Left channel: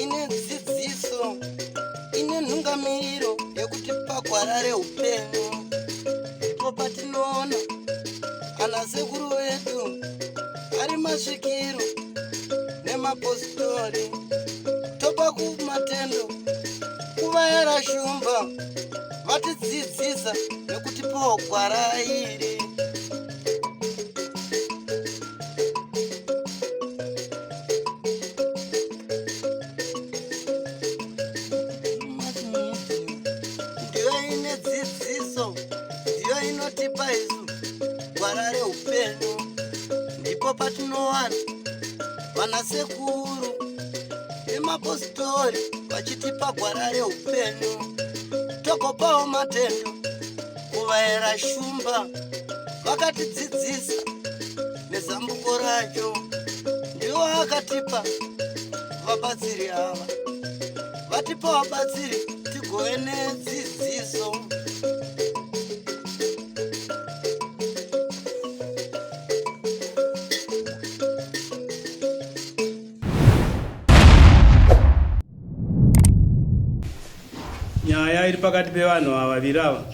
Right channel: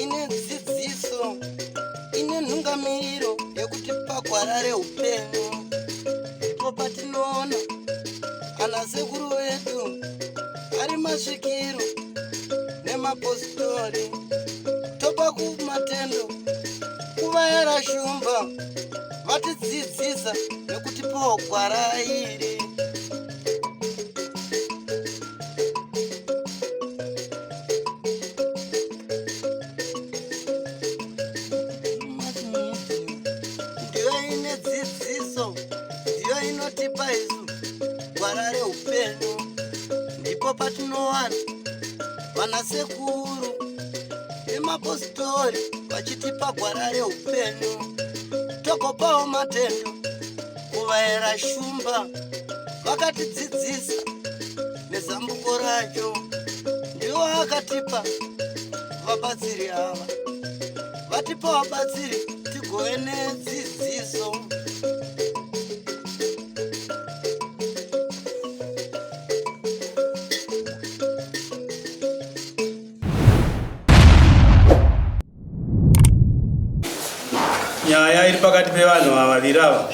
ine dzidziso ine nhungamiriro yekutipa gwara reupenyu. Ndipo patinoona ana sekuru vedu ari masvikiro nemapositori, topa kumatendo kuvayera shumba vatidzidzisa nekutipawo gwara iri. Ndiyo ine dzidziso, ndiyo inotipa isu gwara reupenyu. Ndipo patinowana vanasekuru nemapositori vachitipa gwara reupenyu, togopawo matendo kuvayera shumba vakatidzidzisa nezambuko racho. Ndiwo akatipa vabatsiri ava, vatipa vabatsiri tigove nedzidziso. Nyaya iri pakati pevanhu vaviri ava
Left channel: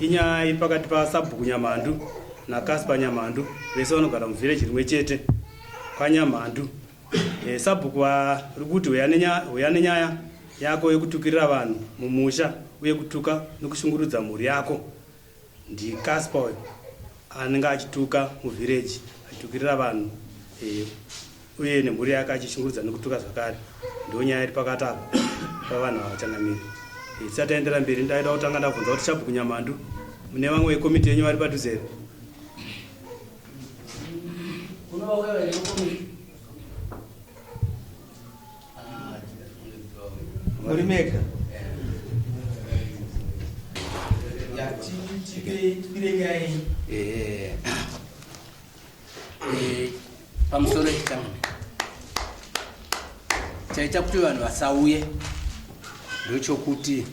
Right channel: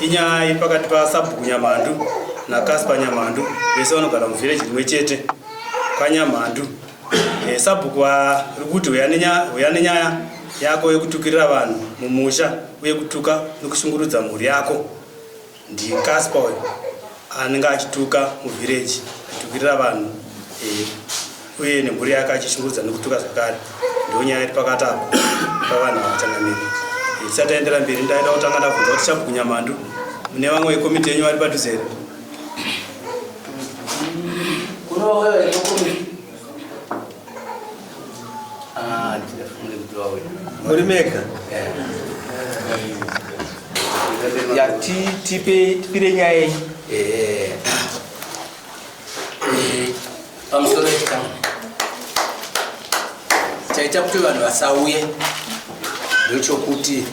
inyaya iri pakati paSabhuku Nyamhandu naCasper Nyamhandu, vese vanogara muvhireji rimwe chete kwaNyamhandu. Sabhuku ari kuti uya nenyaya yako yekutukirira vanhu mumusha uye kutuka nekushungurudza mhuri yako. NdiCasper uyu anenge achituka muvhireji, achitukirira vanhu uye nemhuri yake achishungurudza nekutuka zvakare. Ndiyo nyaya iri pakati apa pavanhu vachangamiri. Tisati taendera mberi, ndaida kutanga ndabvunza kuti Sabhuku Nyamhandu mune vamwe vekomiti yenyu vari padhuze here? Muri mega? Tipire nyaya yenyu. Pamusoro chikamu chaita kuti vanhu vasauye ndochokuti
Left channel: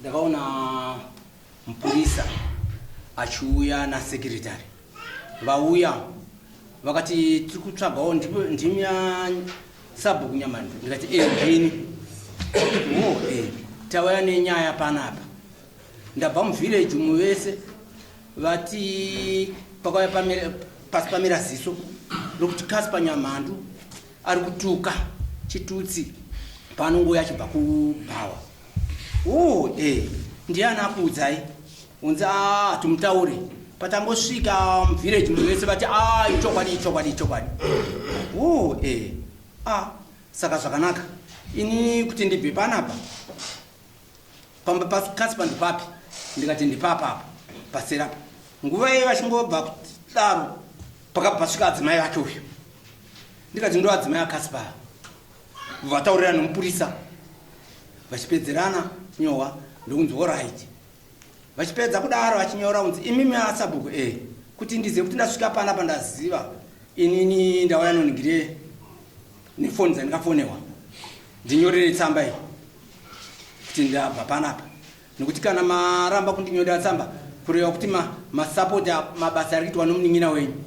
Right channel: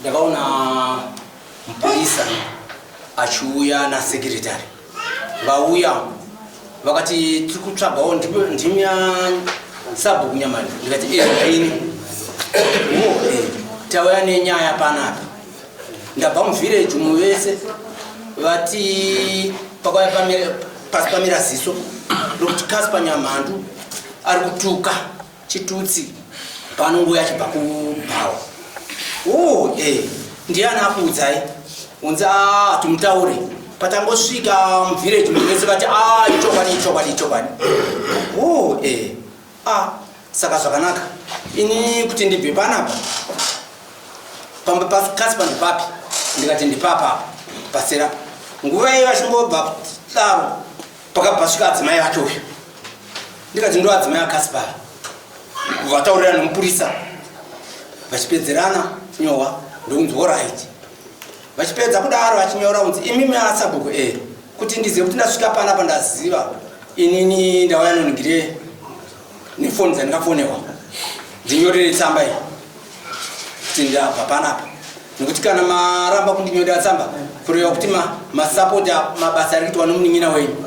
ndakaona mupurisa achiuya nasekretari. Vauya vakati tiri kutsvagawo ndimi yaSabhuku Nyamhandu. Ndikati zvini? Tauya nenyaya panapa. Ndabva muvhireji muvese vati pakauya pasi pamira ziso rokuti Casper Nyamhandu ari kutuka chitutsi panongoya achibva kubhawa. Ndiani akuudzai? Unzi hatumutaure. Patangosvika muvhireji muvese vati ichokwadi. Saka zvakanaka ini kuti ndibve panapa pamba paCasper ndipapi? Ndikati ndipapa pasera. Nguva iyi vachingobva daro pakabva pasvika adzimai vacho uyu. Ndikati ndo adzimai aCasper. Vataurira nomupurisa vachipedzerana nyowa ndokunzi oraiti. Vachipedza kudaro vachinyora unzi imimi aSabhuku kuti ndizive kuti ndasvika panapa ndaziva inini ndauya noningire nefoni dzandikafonewa ndinyorere tsamba iyi kuti ndabva panapa. Nokuti kana maramba kundinyorera tsamba kureva kuti masapota mabasa ari kuitwa nomunin'ina wenyu.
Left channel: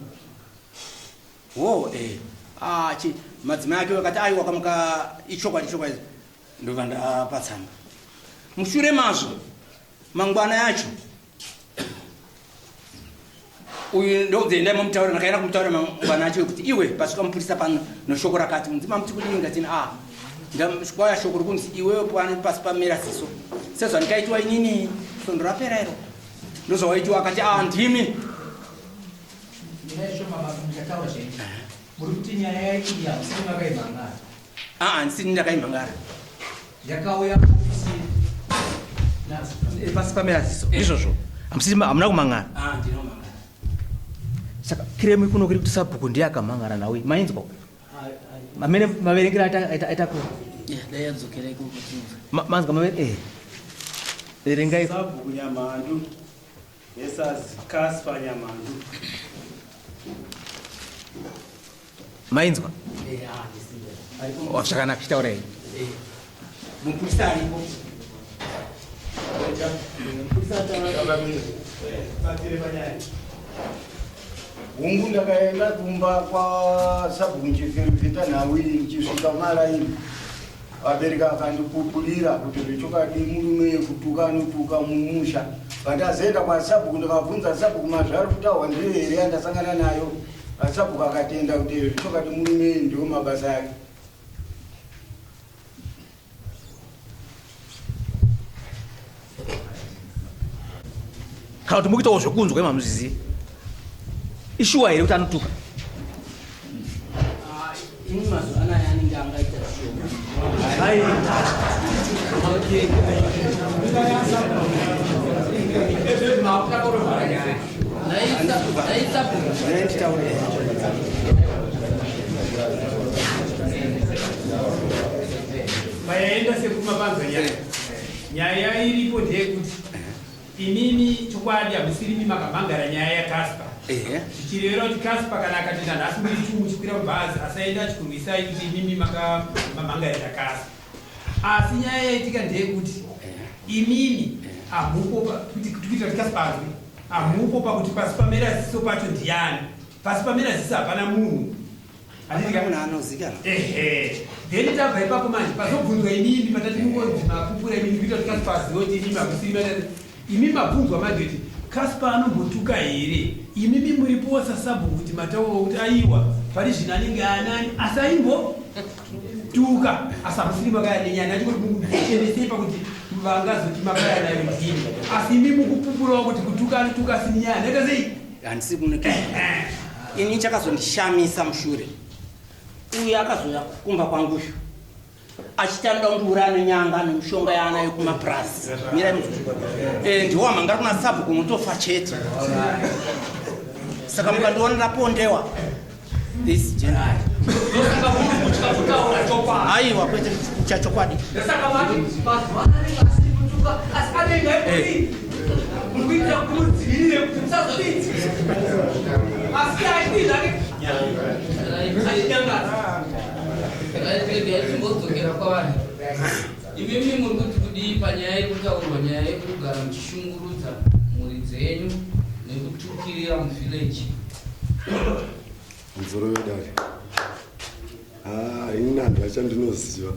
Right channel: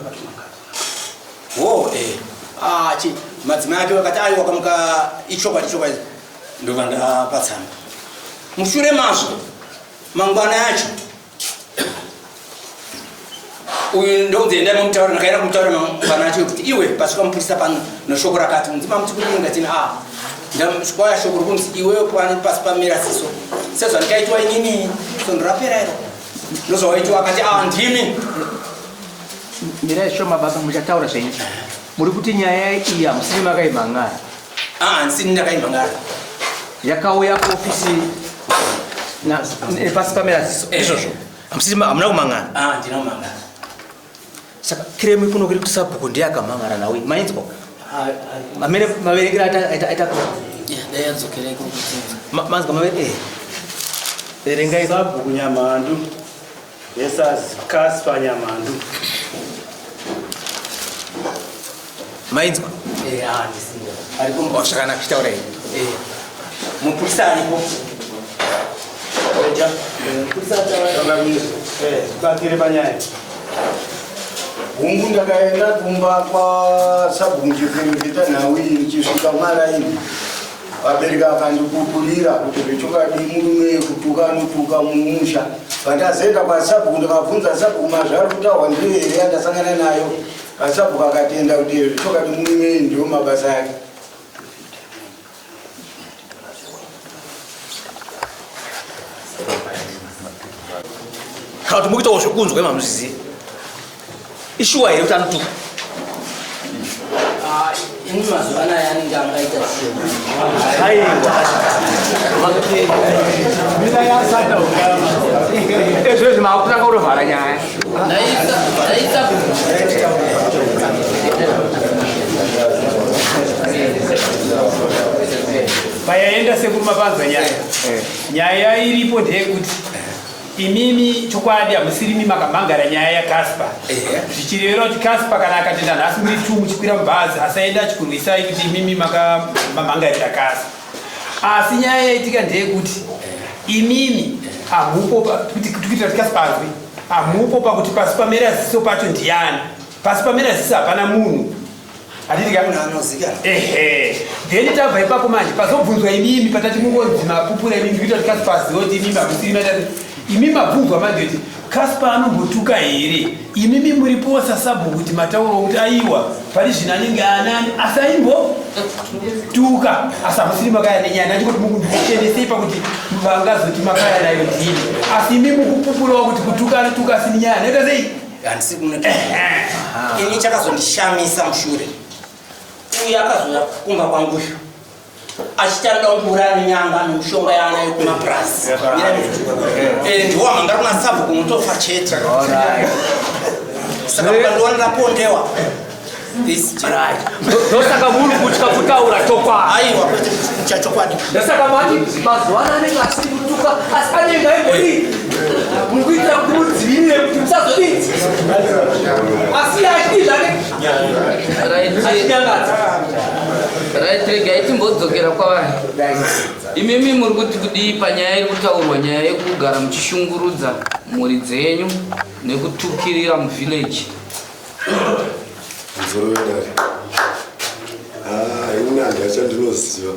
Madzimai ake vakati aiwa kamuka ichokwadi ndobva ndapa tsamba. Mushure mazvo mangwana yacho uyu ndokunzi endai mamutaurira. Ndakaenda kumutaurira mangwana yacho kuti iwe pasvika mupurisa pano neshoko rakati unzi mamuti kudini? Ngatini ndasvika shoko rokunzi iwewe pasi pamira ziso sezvandikaitwa inini sondo rapera iro ndozvawaitwa. Akati ndimi. Mirai shoma baba muchataura zvenyu. Muri kuti nyaya iyi hamusiri makaimhangara? Ndisini ndakaimhangara. Yakauya kuofisi pasi pamira ziso izvozvo? Hamuna kumhangara? Ndina kumhangara. Saka kiremu kuno kuri kuti Sabhuku ndiye akamhangara nawe. Mainzwa? Maverengero aita kuda? Ndayadzokera ikoko. Manzwa maverengero? Verengai. Sabhuku Nyamhandu versus Casper Nyamhandu. Mainzwa? Ndisinda. Zvakanaka, chitaura here. Mupurisa aripo. Oja. Batire banyaya. Mungu ndakaenda kumba kwa sabuni chiferefeta nawi chisvika mara ini vabereka vakandipupurira kuti zvechokadi murume kutuka anotuka mumusha. Pandazoenda kwa sabhuku ndikabvunza sabhuku mazvari kutaurwa ndiyo here yandasangana nayo. Sabhuku akatenda kuti zvechokadi murume ndiwo mabasa yake. Kana kuti mukitawo zvekunzwa emamuzizi ishuwa here kuti anotuka. Ini mazuva anaya anenge angaita vayaenda sekumapanza nyaya iripo ndeyekuti imimi chokwadi hamusirimi makamangara nyaya yaCasper zvichireva kuti Casper kana akatenda nhasi muri 2 muchikwira mubhazi asaenda achikurwisai kuti imimi makamangarira Casper. Asi nyaya yaitika ndeyekuti imimi hamupo kuitira kuti Casper azwi hamupo pakuti pasi pamera ziso pacho ndiani, pasi pamera ziso hapana munhu then tabva ipapo manje pazobvunzwa imimi patati mungonzi mapupura imimi kuita kuti Casper azive kuti imimi hamusiri matati imimi mabvunzwa manje kuti Casper anombotuka here, imimi muripo sasabhuku kuti matauro kuti aiwa pari zvino anenge anani asaimbotuka asi hamusiri makaya nenyaya ndachikuti mukuchenесei pakuti vangazoti makaya nayo ndini asi imimi mukupupurawo kuti kutuka anotuka asini nyaya naita sei handisi kunotuka. Ini chakazondishamisa mushure uye akazoya kumba kwangusho achitandangura nenyanga nemushonga yaanayo kumapurasi ndiwo manga kuna sabhuku unotofa chete saka mukandionerapondewa Ndosaka munhu kutya kutaura topa. aiwa kwete chachokwadi Ndosaka mati mazuva anenge asiri kutuka asi anenge aibudi mukuitira kumudzivirire kuti musazodii asi aidii zvake achinyangadza. Regai timbodzokera kwavanhu. Imimi muri kuti kudii panyaya iri kutaurwa nyaya yekugara muchishungurudza mhuri dzenyu nekutukirira muvhileji. Nzorovedari. Ini nani achandinoziva.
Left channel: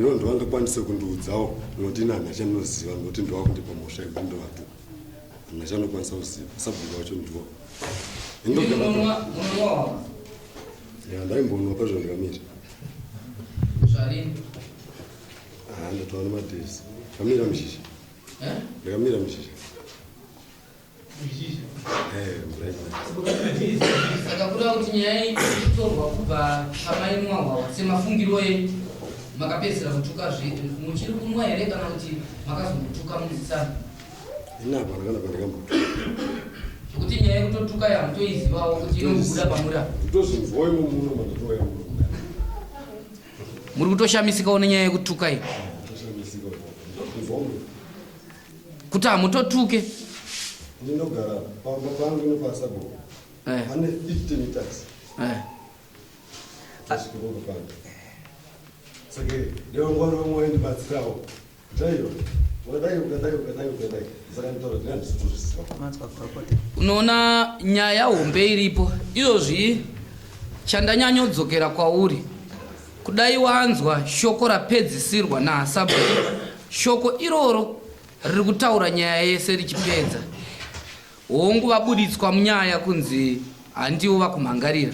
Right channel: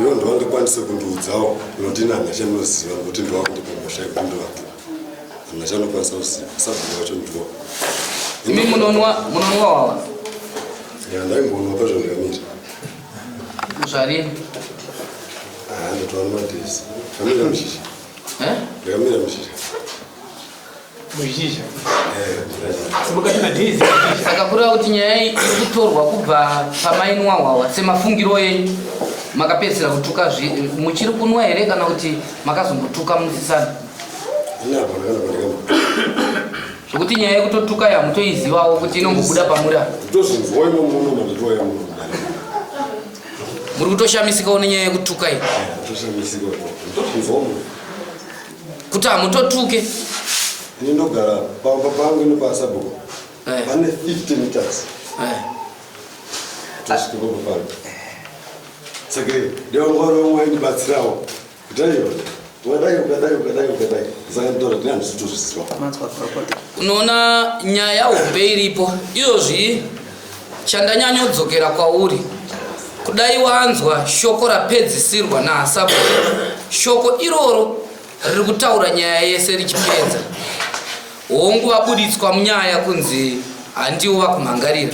Ivo ndovandikwanise kundiudzawo noti nani achandinoziva nokuti ndovakundipa mhosva yekundovatu. Nani achanokwanisa kuziva. Sabhuku wacho ndiwo. Imi munonwa wawa? Ndaimbonwa pazvandikamira. Zvarini? Ndotowana madhezi. Kamira mushizha. Ndakamira mushizha. muzhizha saka kureva kuti nyaya iri kutorwa kubva pamainwa hwawa semafungiro enyu makapedzisira kutuka muchiri kunwa here kana kuti makazongotuka musisana zvokuti nyaya yekutotuka yamutoizivawo kuti inongobuda pamuda muri kutoshamisikawo nenyaya yekutuka iyi kuti hamutotuke ndinogara pamba pangu nepasabhuku pane 50 meters tosvikepo pangu saka ndevangwaromwe ndibatsirawo kutaiwa ukadai saka nditaura kuti handisitozvisiwa. unoona nyaya hombe iripo izvozvi chandanyanyodzokera kwauri kudai wanzwa shoko rapedzisirwa naasabhuku shoko iroro riri kutaura nyaya yese richipedza hongu vabuditswa munyaya kunzi handiwo vakumhangarira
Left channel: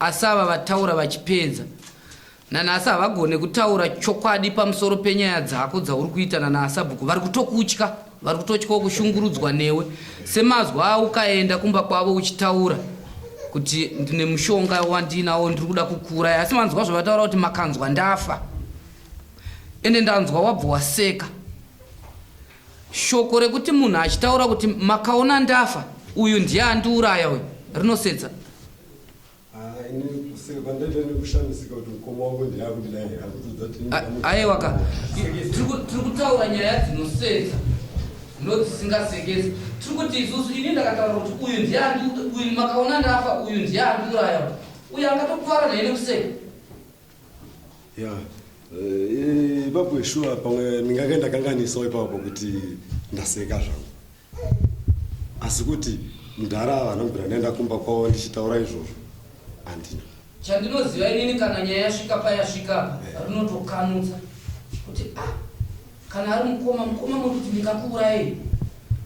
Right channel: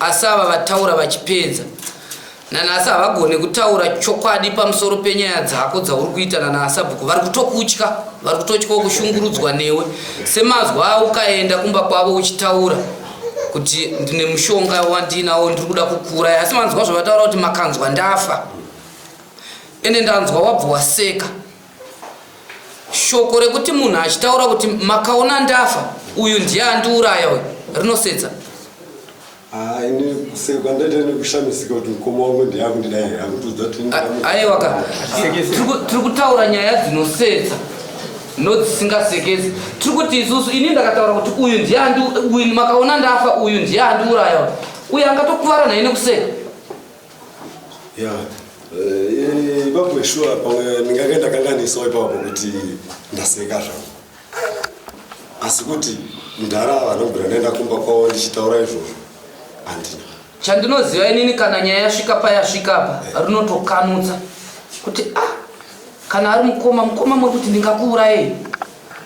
asi ava vataura vachipedza nanhasi havagone kutaura chokwadi pamusoro penyaya dzako dzauri kuita nanaasabhuku vari kutokutya vari kutotyawo kushungurudzwa newe semazwa ukaenda kumba kwavo uchitaura kuti ndine mushonga wandinawo ndiri kuda kukura asi manzwa zvavataura kuti makanzwa ndafa ende ndanzwa wabva waseka shoko rekuti munhu achitaura kuti makaona ndafa uyu ndiye andiuraya uyu rinosetsa ini kuseka ndaita nekushamisika kuti mukoma wangu ndiyakundidai akutudza kuti aiwaka tiri kutaura nyaya dzinosetsa nodzisingasekesi tiri kuti isusu ini ndakataura kuti uyu ndiye uyu makaona ndafa uyu ndiye andiuraya uyu angatokuvara naye nekuseka ya ipapo sure pamwe ndingakaenda kanganisawo ipapo kuti ndaseka zvangu asi kuti mudhara vanobvira ndaenda kumba kwavo ndichitaura izvozvo handina. Chandinoziva inini kana nyaya yasvika payasvika apa rinotokanutsa kuti kana ari mukoma muri kuti ndingakuurayei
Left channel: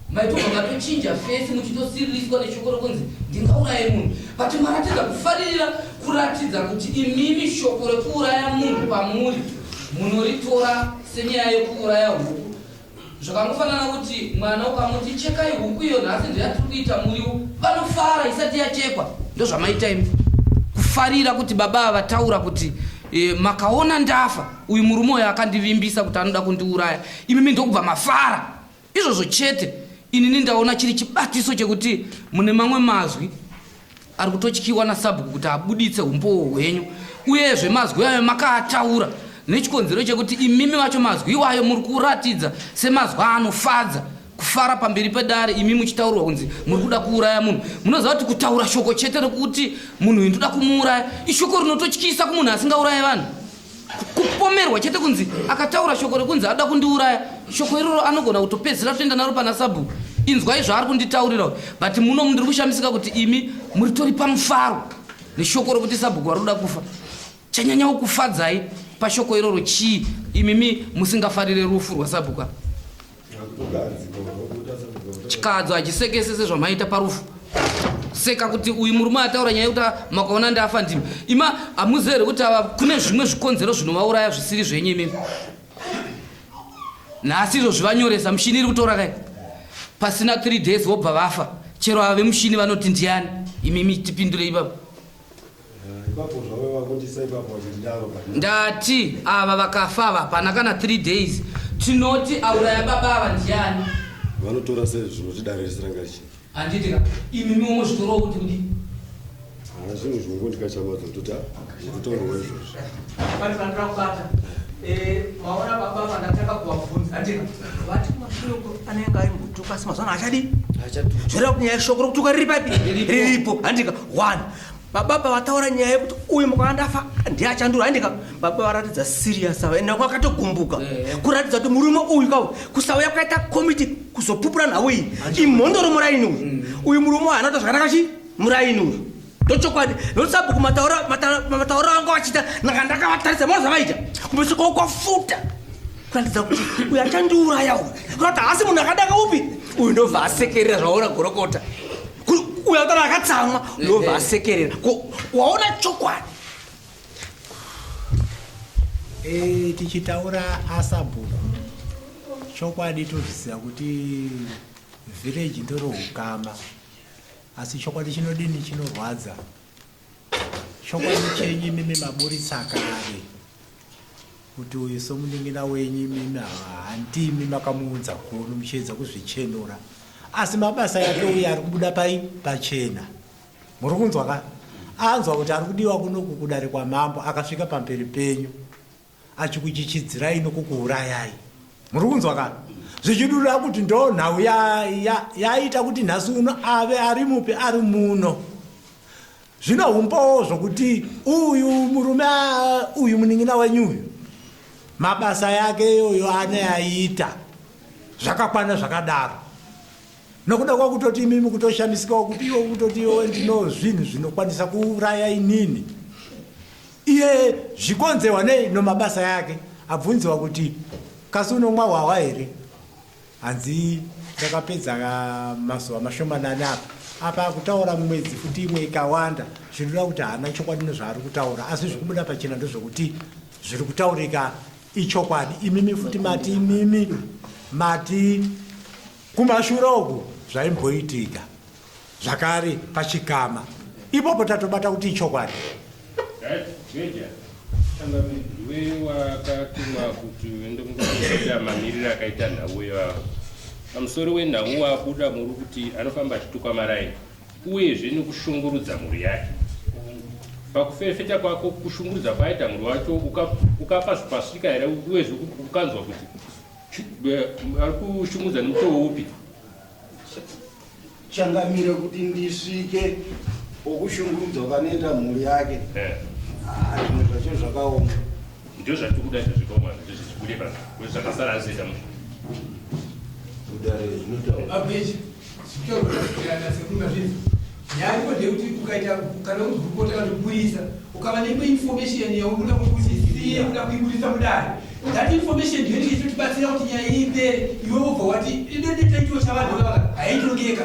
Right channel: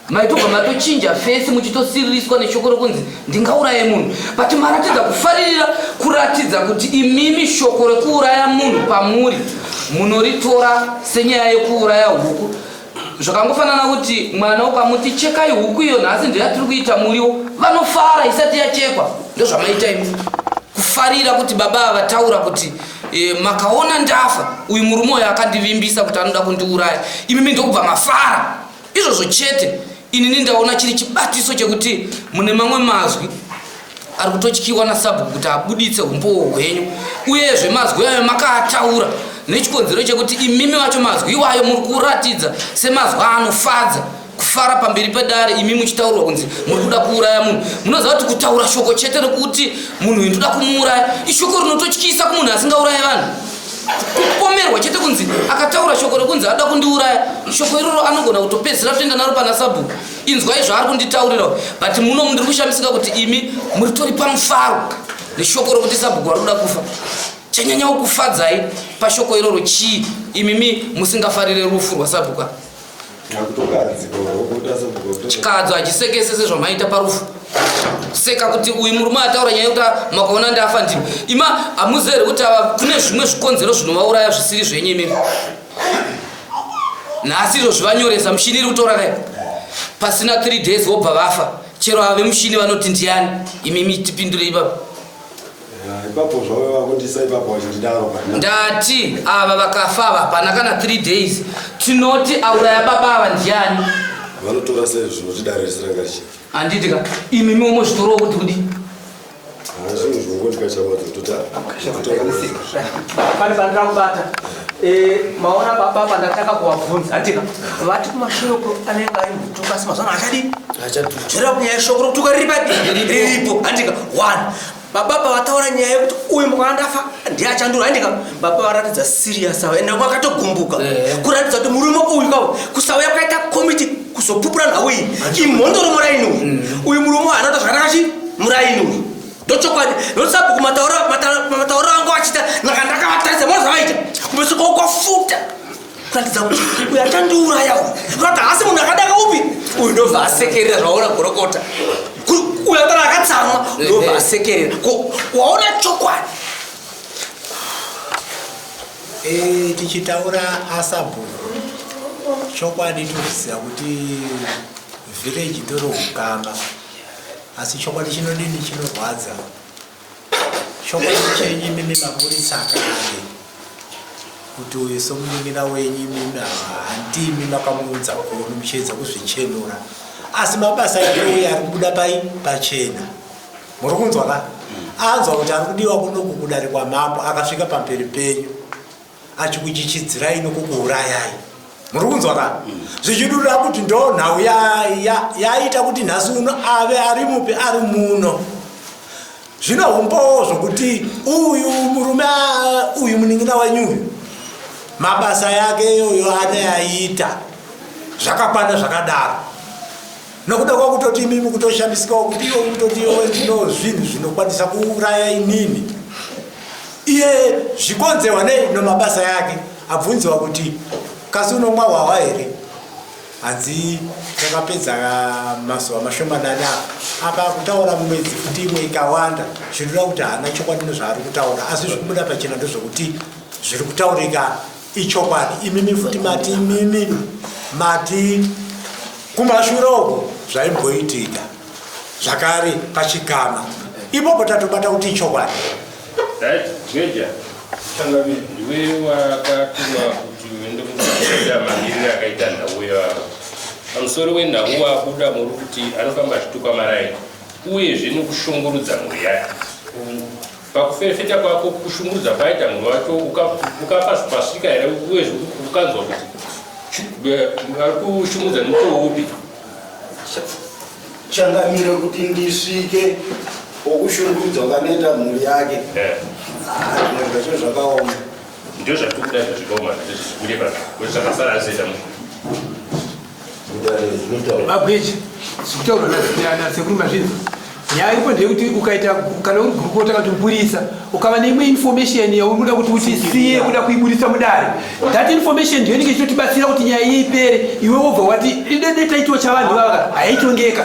maitobva matochinja fesi muchitosiririswa neshoko rokunzi ndingauraye munhu but maratidza kufaririra kuratidza kuti imimi shoko rekuuraya munhu pamuri munoritora senyaya yekuuraya huku zvakangofanana kuti mwana ukamuti chekai huku iyo nhasi ndoyatiri kuita muriwo vanofara isati yachekwa ndozvamaita imi kufarira kuti baba vataura kuti makaona ndafa uyu murume uyo akandivimbisa kuti anoda kundiuraya imimi ndokubva mafara izvozvo chete. Inini ndaona chiri chibatiso chekuti mune mamwe mazwi ari kutotyiwa nasabhuku kuti abuditse umbowo hwenyu uyezve mazwi ayo makaataura nechikonzero chekuti imimi vacho mazwi iwayo muri kuratidza semazwi anofadza kufara pamberi pedare imi muchitaurwa kunzi muri kuda kuuraya munhu. Munoziva kuti kutaura shoko chete rekuti munhu uyu ndoda kumuuraya ishoko rinototyisa kumunhu asingauraye vanhu. Kupomerwa chete kunzi akataura shoko rekunzi ada kundiuraya shoko iroro anogona kutopedzera toenda naro pana sabhuku inzwai zvaari kunditaurirawo but muno ndiri kushamisika kuti imi muritori pamufaro neshoko rokuti sabhuku ari kuda kufa. Chanyanyawo kufadzai pashoko iroro chii imimi musingafarire rufu rwasabhuku? Chikadzo hachisekese sezvamaita parufu seka kuti uyu murume ataura nyaya yekuti makaona ndafa ndimi ima hamuzere kuti ava kune zvimwe zvikonzero zvinovauraya zvisiri zvenyu imimi nhasi izvo zvivanyoresa mushini iri kutora kai pasina 3 days vobva vafa chero ave mushini vanoti ndiani imimi tipindure ipapo. Ndati ava vakafa ava hapana kana 3 days tinoti auraya baba ava ndiani vanotora sei zvinotidarisira ngarichi handiti ka imimi umozvitorowo kuti kudi zvinhu zvongondikachamadza pane pandakubata maona baba pandataka kuvabvunza handika vati kumashoko anenge ari mutuka asi mazana achadi zvoreva kunyaya shoko rokutuka riripo handika 1 baba vataura nyaya yekuti uyu mukana ndafa ndiachandura handika baba varatidza serious ava ende vakatogumbuka kuratidza kuti murume uyu kawo kusauya kwaita komiti kuzopupura nhau iyi imhondoro muraini uyu uyu murume anoita zvakanaka chi muraini uyu ndochokwadi nokuti sabhuku matauro anga vachita naka ndakavatarisa mona zvavaita kumeso kwavo kwafuta kuratidza kuti uyu achandiuraya uyu kurati hasi munhu akadaka upi uyu ndobva asekerera zvaona gorokota uyu atara akatsamwa ndobva asekerera waona chokwadi. Tichitaura asabhuku chokwadi toziva kuti village ndoro ukama asi chokwadi chinodini chinorwadza chokwadi chenyu mimi maburitsa kare kuti uyu somuningira wenyu mimi handimi makamuudza kuno muchiedza kuzvichenura asi mabasa ake uyu ari kubuda pachena muri kunzwa ka anzwa kuti ari kudiwa kunoku kudarikwa mambo akasvika pamberi penyu achikuchichidzirai nokukuurayai muri kunzwa ka zvichidurira kuti ndo nhau yaita kuti nhasi uno ave ari mupi ari muno zvino umbowo zvokuti uyu murume uyu munin'ina wenyu uyu mabasa yake iyoyo anoyaita zvakakwana zvakadaro nokuda kwakutoti imimi kutoshamisikawo kuti iwo kutoti iwe ndino zvinhu zvinokwanisa kuuraya inini iye zvikonzewa nei nomabasa yake abvunziwa kuti kasi unomwa hwahwa here hanzi takapedza mazuva mashomanani apa kutaura mumwedzi futi imwe ikawanda zvinova kuti haana chokwadi nezvaari kutaura asi zvikubuda pachena ndozvokuti zviri kutaurika ichokwadi imimi futi mati imimi mati kumashure uko zvaimboitika zvakare pachikama ipopo tatobata kuti ichokwadi. Geja ndiwe wakatuma kuti uende kuita mamiriro akaita nhau yavo pamusoro wenhau wakuda muri kuti anofamba achituka maraini uyezve nekushungurudza mhuri yake pakuferefeta kwako kushungurudza kwaita mhuri wacho ukapasvika here uyezve ukanzwa kuti ari kushungurudza nemutoo upi changamire kuti ndisvike okushungurudza wakanoita mhuri yake zvacho zvakaoma ndio zvatukuda zvikaoma zvichikurepa kwezvakasara azoita Abweji, sikutaura nasekuru mazvinzi. Nyaya iripo ndeyekuti ukaita kana uri gurukota kana kuti mupurisa ukava neimwe information yaunoda kuti utisiye uda kuibudisa mudare, that information ndiyo inenge ichitotibatsira kuti nyaya iyi ipere. Iwe wobva wati netaitwa chavanhu vava haitongeka.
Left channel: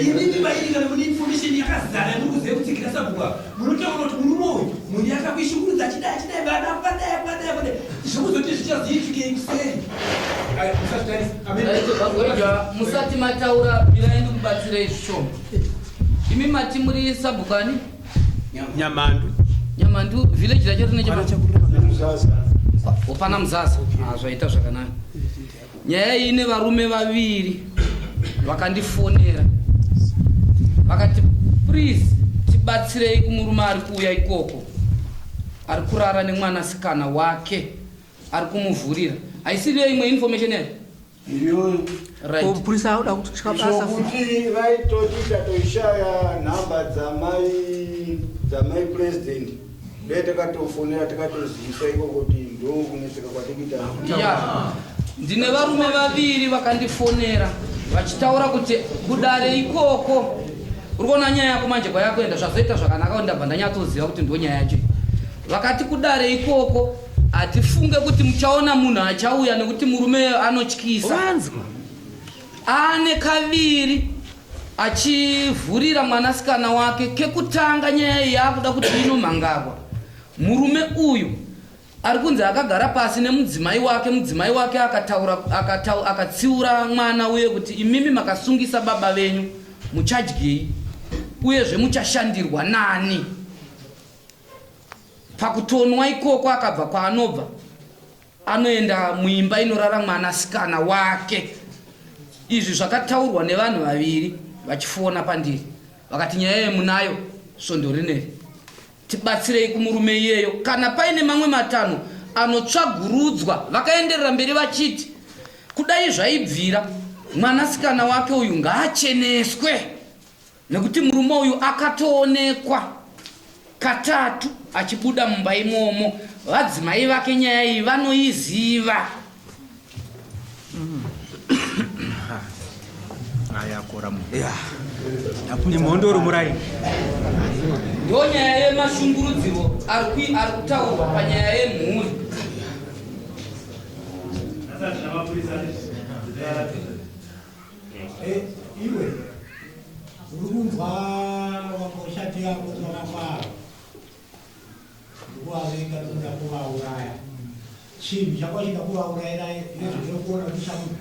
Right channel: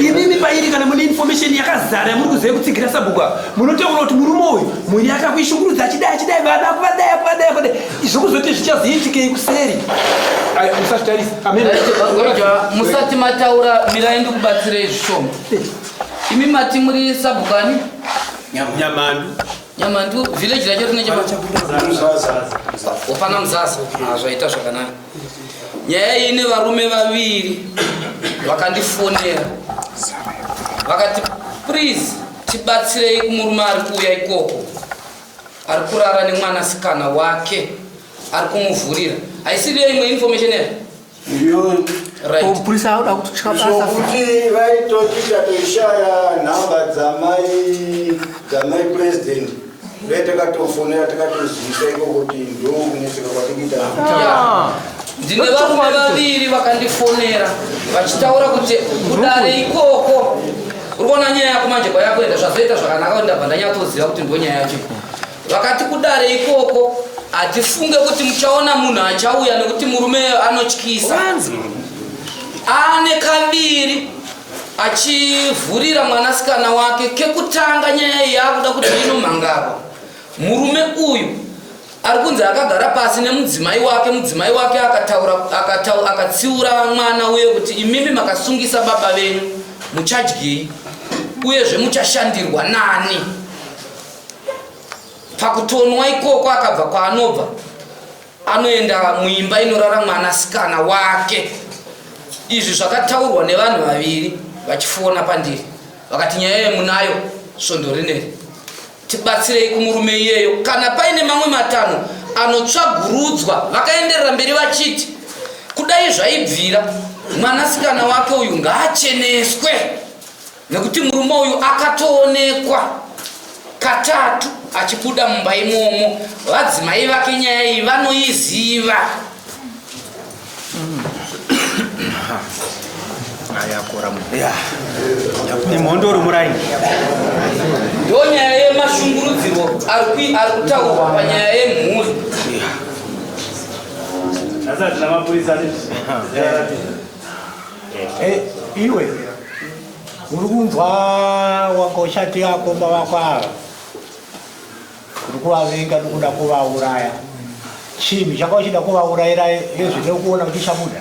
Imimi pairi kana mune information yakazara muri kuziva kutsigira sabhuku munotaura kuti murume uyu muni akakuishungurudza achidai vada kuvadai zvokuzoti zvichazoitikei kuseri. Musazvitarisa. Amen. Musati mataura mirai ndikubatsirei zvishoma. Imi mati muri sabhukani? Nyamandu village racho rine Opana Mzasa. Zvaita zvakanaka. Nyaya ine varume vaviri vakandifonera. Vakati please tibatsirei kumurume ari kuuya ikoko. Ari kurara nemwanasikana wake. Ari kumuvhurira. Haisiriyo imwe information here? Right. Purisa auda kuti chikabasa. Sokuti vaitoti tatoishaya nhamba dzamai president. Vetakatofonera takatozivisa ikoko kuti ndo kuneseka kwatikita. Ndine varume vaviri vakandifonera vachitaura kuti kudare ikoko urikuona nyaya yako manje kwayakuenda zvazoita zvakanaka kuti ndabva ndanyatsoziva kuti ndo nyaya yacho. Vakati kudare ikoko atifunge kuti muchaona munhu achauya nekuti murume anotyisa. Ane kaviri achivhurira mwanasikana wake. Kekutanga nyaya iyi yakuda kuti inomhangagwa. Murume uyu ari kunzi akagara pasi nemudzimai wake akatsiura mwana uye kuti imimi makasungisa baba venyu muchadyei uyezve muchashandirwa nani. Pakutonwa ikoko akabva kwaanobva anoenda muimba inorara mwanasikana wake. Izvi zvakataurwa nevanhu vaviri vachifona pandiri. Vakati nyaya yemunayo svondo rineri. Tibatsirei kumurume iyeyo. Kana paine mamwe matano anotsvagurudzwa vakaenderera mberi vachiti kudai zvaibvira mwanasikana wake uyu ngaacheneswe nekuti murume uyu akatoonekwa katatu achibuda mumba imomo. Vadzimai vake nyaya iyi vanoiziva. Nimondoro murai. Ndo nyaya yemashungurudziro ari kutaurwa panyaya yemhuri. Iwe uri kunzwa wakoshati yako bavakwava uri kuvavenga nekuda kuvauraya. Chimi chakauchida kuvaurayira ezvine kuona kuti chabuda.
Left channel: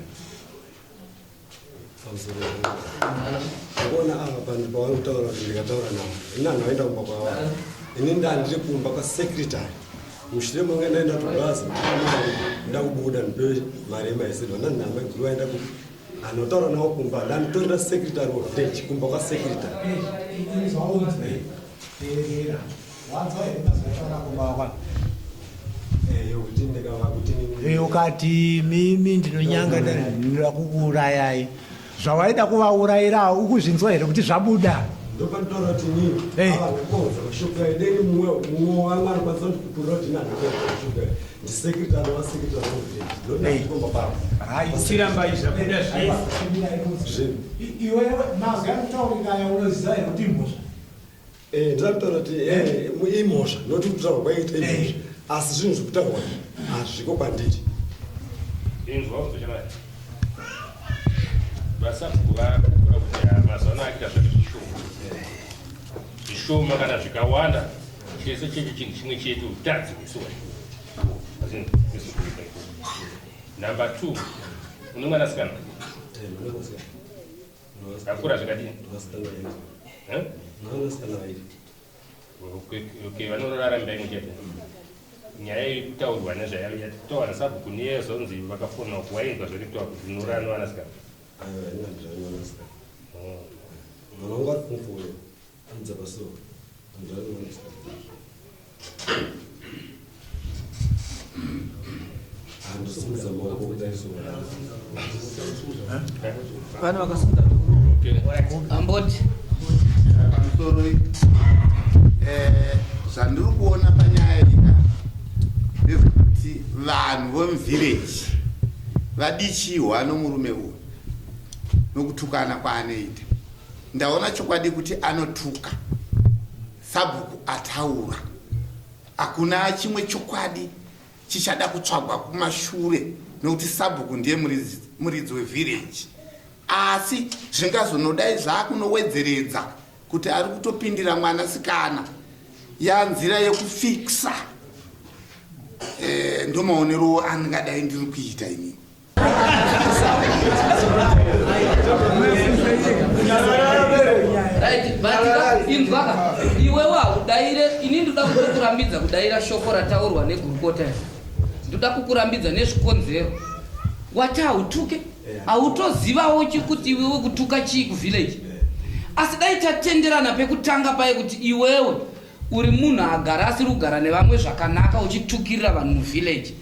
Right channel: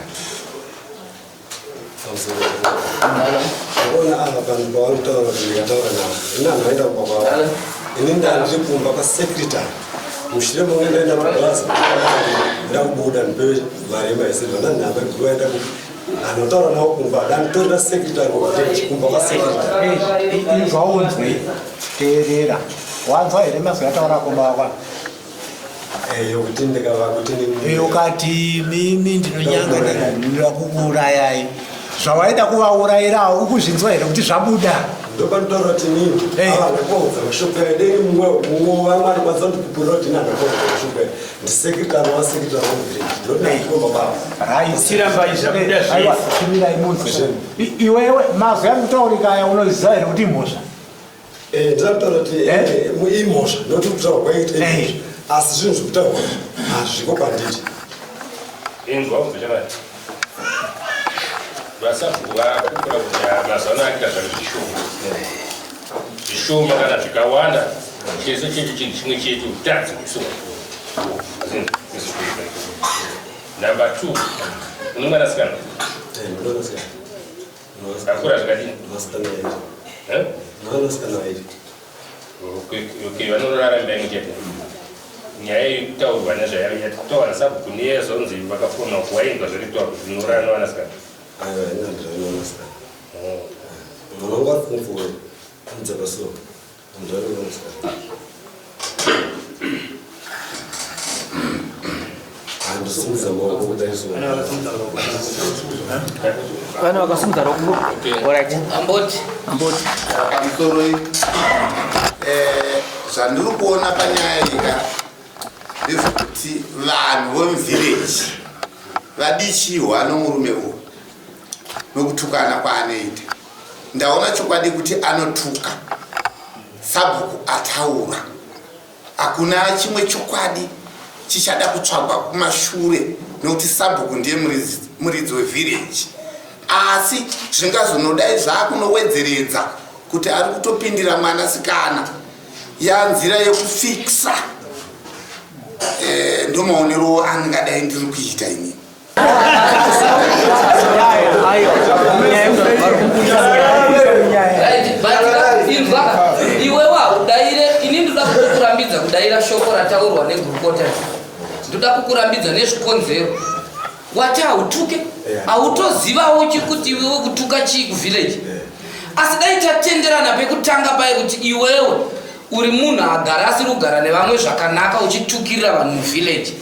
Ona ava vanhu pavanotaura kuti ndikataura navo inani vaenda kubva kwavo ini ndandiri kumba pasecretary mushure mamwe ndaenda kubhaza nda kubuda ndipewe mari yemaisirva ndanhamba kuti vaenda anotaura navo kumba danditorera secretary kumba kwasecretary. Izvaunzwe teerera wanzwa here mazwi ataura kumba wakwa yokuti ndikava kuti ukati mimi ndinonyanga ndinoda kukuurayai. Zvawaida kuvaurayira ukuzvinzwa here kuti zvabuda? ndopanotaura kuti nini avandakodza mashopera dei mumwe vamwe anokwanisa kundipupurira kuti inandakodza mashopera ndisekretari wasekretari ndinodakomba bava chiramba izvabuda chimirai munzwe. Iwewe mazwi anokutaurikaya unoziva here kuti imhosva? ndinakutaura kuti imhosva noti kutaura kwaita imhosva asi zvinhu zvekutaurwa hazviko kwanditi. inzwa kuzvichavati vasabhuva kukura kuti mazano akita zvakazvishoma zvishoma kana zvikawanda chese checho chinhu chimwe chetu tadzi kusoma. Number 2 une mwanasikana akura zvakadini? Vanorara mba imwe chete. Nyaya yekutaurwa nezvayataura nasabhuku neyezonzi vakafona kuwainzwa zviritaurwa kuti zvinorara nevanasikana. Mwanangu afunguwe mdzakaso ndari wanasikana andisimudza maoko kudaiso Vana vakasimudza roko. Alright. Amboti. Pamusoro zvandiri kuona panyaya iyi ndezvekuti kuti vanhu vemuvhireji vadichiwa nomurume uyu nokutukana kwaanoita. Ndaona chokwadi kuti anotuka, Sabhuku ataura. Hakuna chimwe chokwadi chichada kutsvagwa kumashure nokuti Sabhuku ndiye muridzi wevhireji. Asi zvingazonodai zvakunowedzeredza kuti ari kutopindira mwanasikana yanzira yekufikisa. Ndo maonero andingadai ndiri kuita ini. Iwe waudaire ini ndoda kukurambidza kudaira shoko rataurwa negurukota. Ndoda kukurambidza nezvikonzero. Wati hautuke, hautozivawo chikuti iwewe kutuka chii kuvhileji. Asi dai tatenderana pekutanga paye kuti iwewe uri munhu agara asiri kugara nevamwe zvakanaka uchitukirira vanhu muvhileji.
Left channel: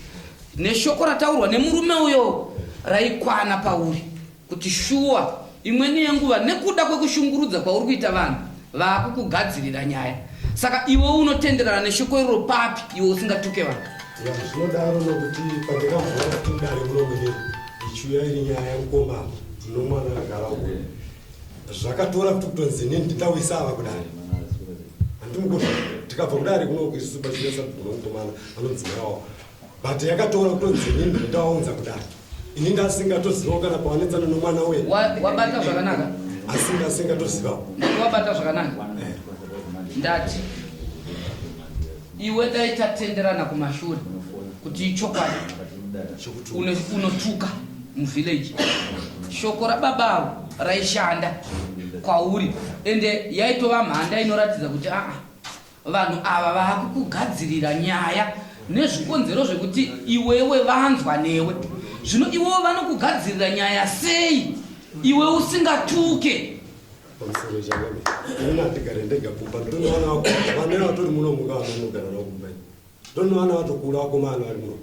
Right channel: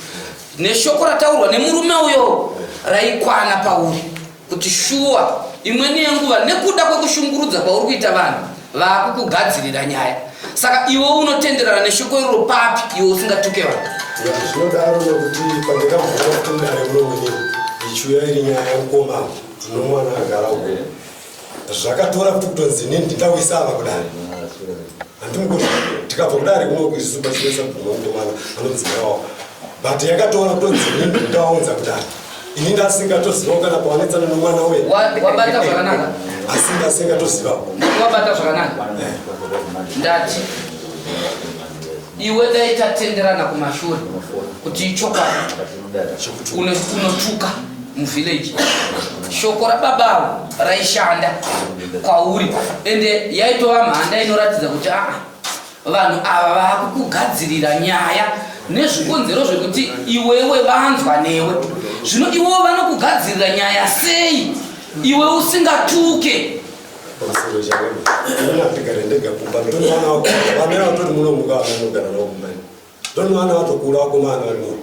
Neshoko rataurwa nemurume uyo raikwana pauri kuti shuwa imweni yenguva nekuda kwekushungurudza kwauri kuita vanhu vakukugadzirira nyaya. Saka iwe unotenderana neshoko iroro papi iwe usingatuke vanhu. Zvinodaro nokuti pandakabvira kutodare munomweni ichiuya iri nyaya yemukoma nomwana agara uko. Zvakatora kuti kutonzi nini ndindawisava kudare. Handimukoti tikabva kudare kunokuisuba chinesa kunomwana anodzirawo. But yakatora kutonzi nini ndindaunza kudare. Ini ndasingatozivawo kana pawanetsana nomwana wedu. Wabata zvakanaka? Asingatozivawo. Wabata zvakanaka? Ndati iwe dai tatenderana kumashure kuti ichokwadi unotuka muvhileji. Shoko rababavo raishanda kwauri ende yaitova mhanda inoratidza kuti vanhu ava vakukugadzirira nyaya nezvikonzero zvekuti iwewe vanzwa newe. Zvino iwewo vanokugadzirira nyaya sei iwe usingatuke? Pamusoro chake ina tigare ndega kumba ndinowana wako vamera vatori munomuka vanogara nawo kumba ndinowana vatokura wako mana vari muno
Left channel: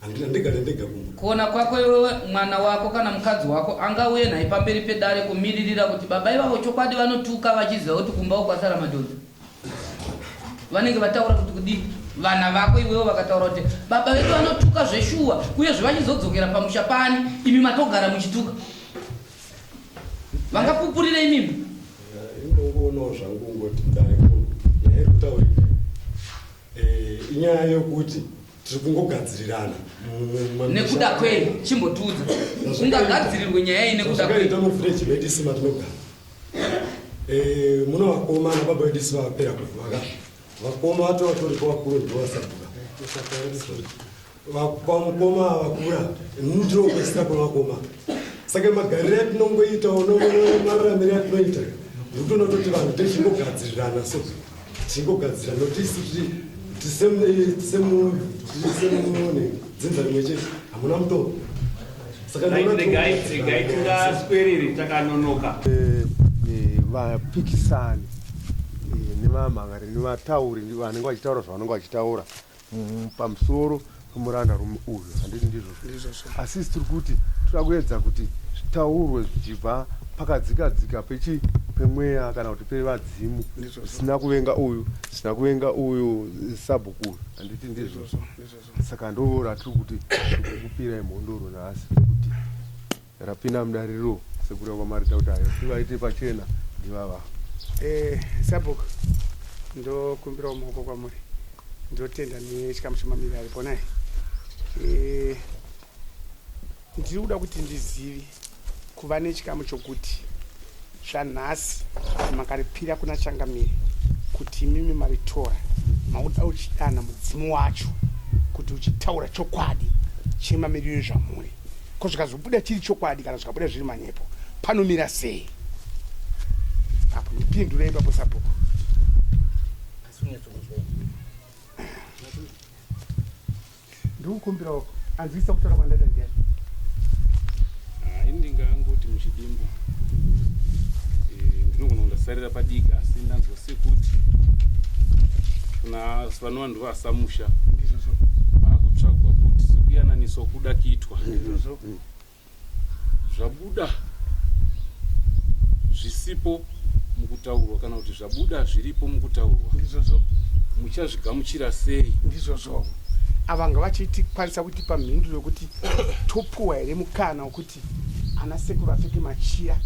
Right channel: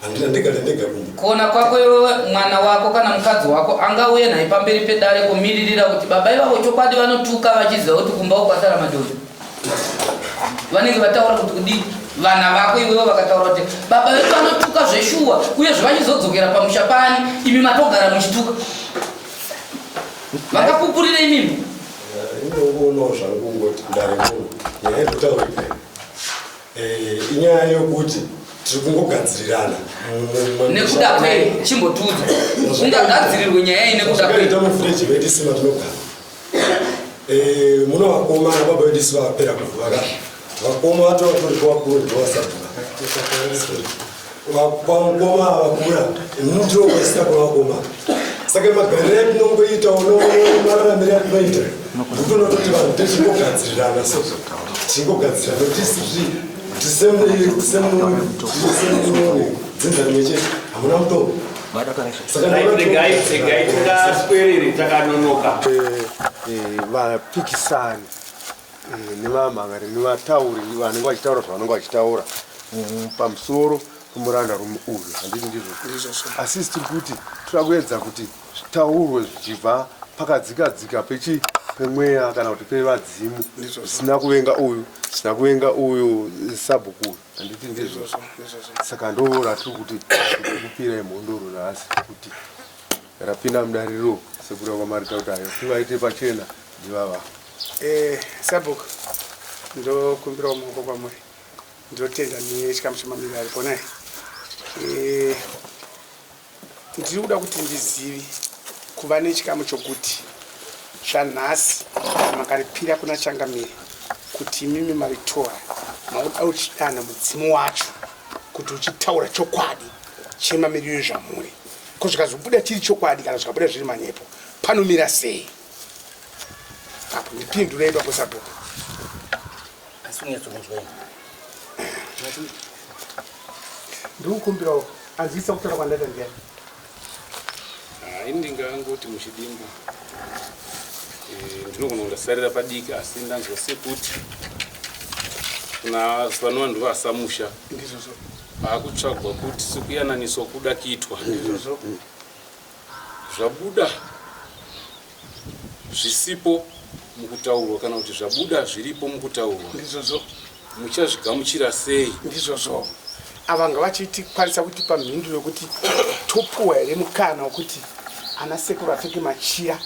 handina ndigare ndega kumba. Kuona kwako iwewe mwana wako kana mukadzi wako angauye naye pamberi pedare kumiririra kuti baba ivavo chokwadi vanotuka vachiziva kuti kumba ukwasara madhodha. Vanenge vataura kuti kudii vana vako iwewe vakataura kuti baba vedu vanotuka zveshuwa uye zvachizodzokera pamusha pani imi matogara muchituka. Vakapupurira imimi. Inoona zvangu ngoti ndare muno nyaya yekutaura inyaya yokuti tiri kungogadzirirana nekuda kwei chimbotudza ungagadzirirwe nyaya iyi nekuda kwei muvhireji vedu isima tinogara muno vakoma nababa vedu isi vapera kuvaka vakoma vato vatori kwavakuru ndovasabhuka vamukoma vakura inini ndinokwesina kwavakoma. Saka magariro atinongoitawo nomararamiro atinoita ndotonototi vanhu techingogadzirirana so tingogadzirana tisemunoni dzinzani mechete hamuna mutombo. Tingaswerere takanonoka vapikisani nevamhangari nevatauri vanenge vachitaura zvavanenge vachitaura pamusoro pomuranda rume uyu handiti ndizvo. Asi tiri kuti toda kuedza kuti zvitaurwe zvichibva pakadzikadzika pemweya kana kuti pevadzimu zvisina kuvenga uyu zvisina kuvenga uyu Sabhuku handiti ndizvo. Saka ndo ratiri kuti kupira imhondoro nhasi kuti rapinda mudariro sekura kwamarita kuti ayo tivaite pachena ndivava. Sabhuku ndokumbirawo maoko kwamuri ndotenda nechikamu chemamiriro ari ponai. Ndiri kuda kuti ndizive kuva nechikamu chokuti zvanhasi makaripira kuna Changamire kuti imimi maritora mauda uchidana mudzimu wacho kuti uchitaura chokwadi chemamiriro zvamuri ko zvikazobuda chiri chokwadi kana zvikabuda zviri manyepo panomira sei? Apo ndipindurei baba Sabhuku. Ndikukumbirawo azivisa kutaura kwandata ndiani. Ndingangoti muchidimbu ndinogona kundasarira padiki asi ndanzwa sekuti kuna vanhu vasamusha akutsvagwa kuti sekuyananiswa kuda kuitwa zvabuda zvisipo mukutaurwa kana kuti zvabuda zviripo mukutaurwa muchazvigamuchira sei? Ndizvozvo avanga vachitikwanisa kutipa mhinduro yokuti topuwa here mukana wekuti ana sekuru apfeke machira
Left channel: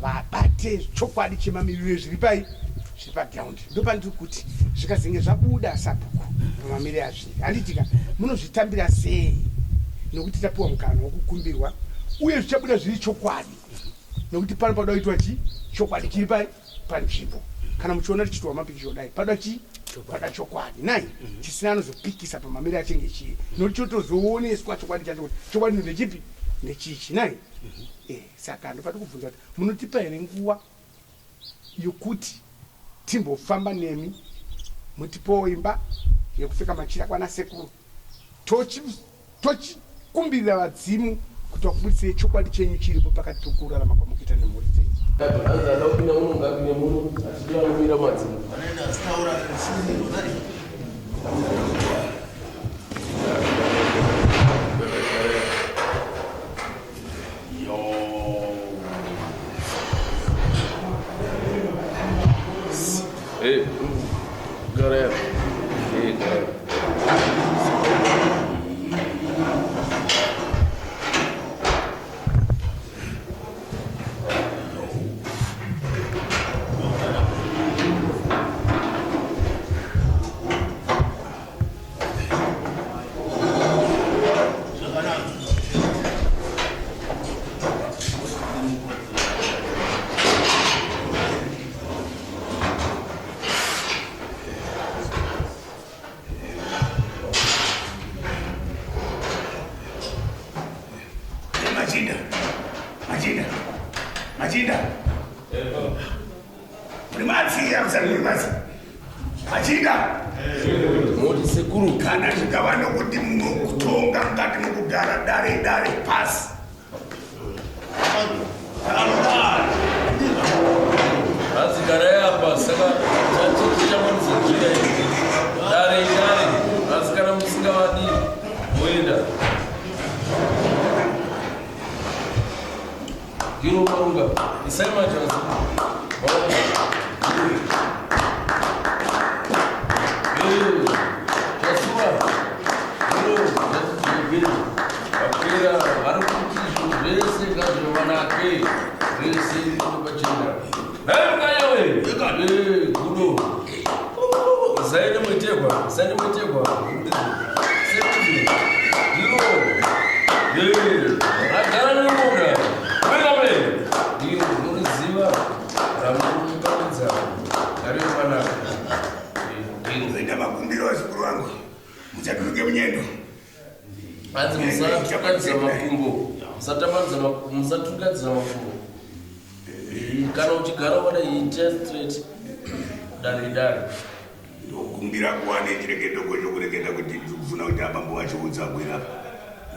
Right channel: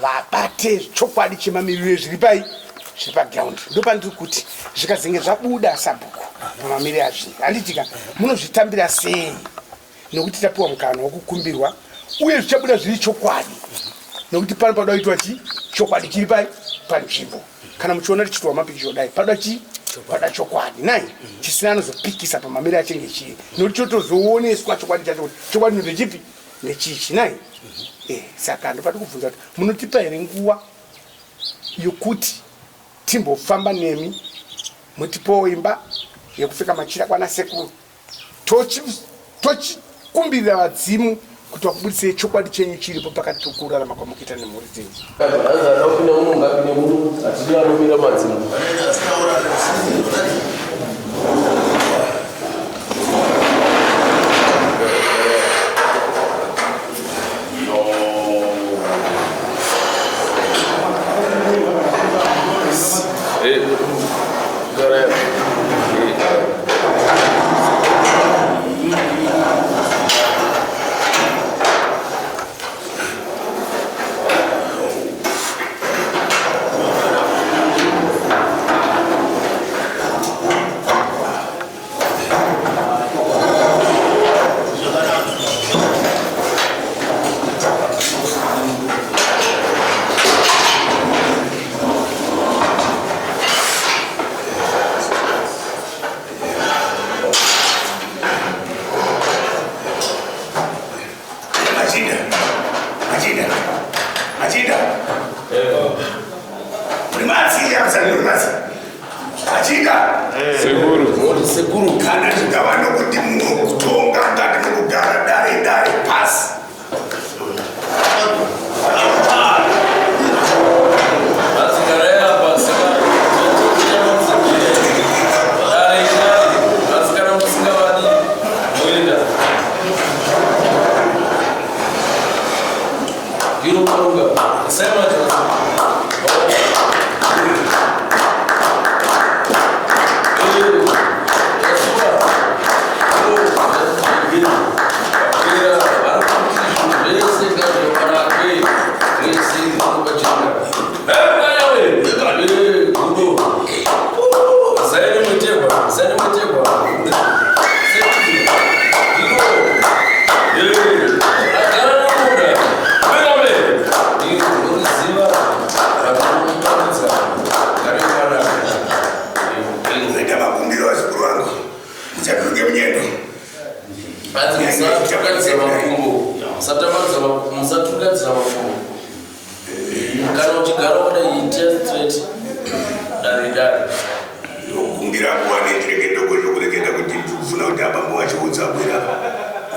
vabate chokwadi chemamiriro ezviri pai zviri pagiraundi. Ndopandiri kuti zvikazenge zvabuda sabhuku pamamiriro azvinhu handitika munozvitambira sei nokuti tapiwa mukana wokukumbirwa uye zvichabuda zviri chokwadi nokuti pano pada kuitwa chokwadi chiri pai panzvimbo. Kana muchiona tichitwa mapikicho dai pada pada chokwadi nai chisina anozopikisa pamamiriro achinge chiri nokuti chotozooneswa chokwadi chacho kuti chokwadi ndechipi nechichi nai. Saka ndopati kubvunza kuti munotipa here nguva yokuti timbofamba nemi mutipowo imba yekupfeka machira kwana sekuru tochikumbirira vadzimu kuti vakubudisei chokwadi chenyu chiripo pakati tokurarama kwamukuita nemhuri dzenyu. Seguru kana chikava nokuti munotonga ngati mukugara dare pasi ndokumbira kuwane chireketo chokureketa kuti ndikufuna kuti abambo wacho udzabwera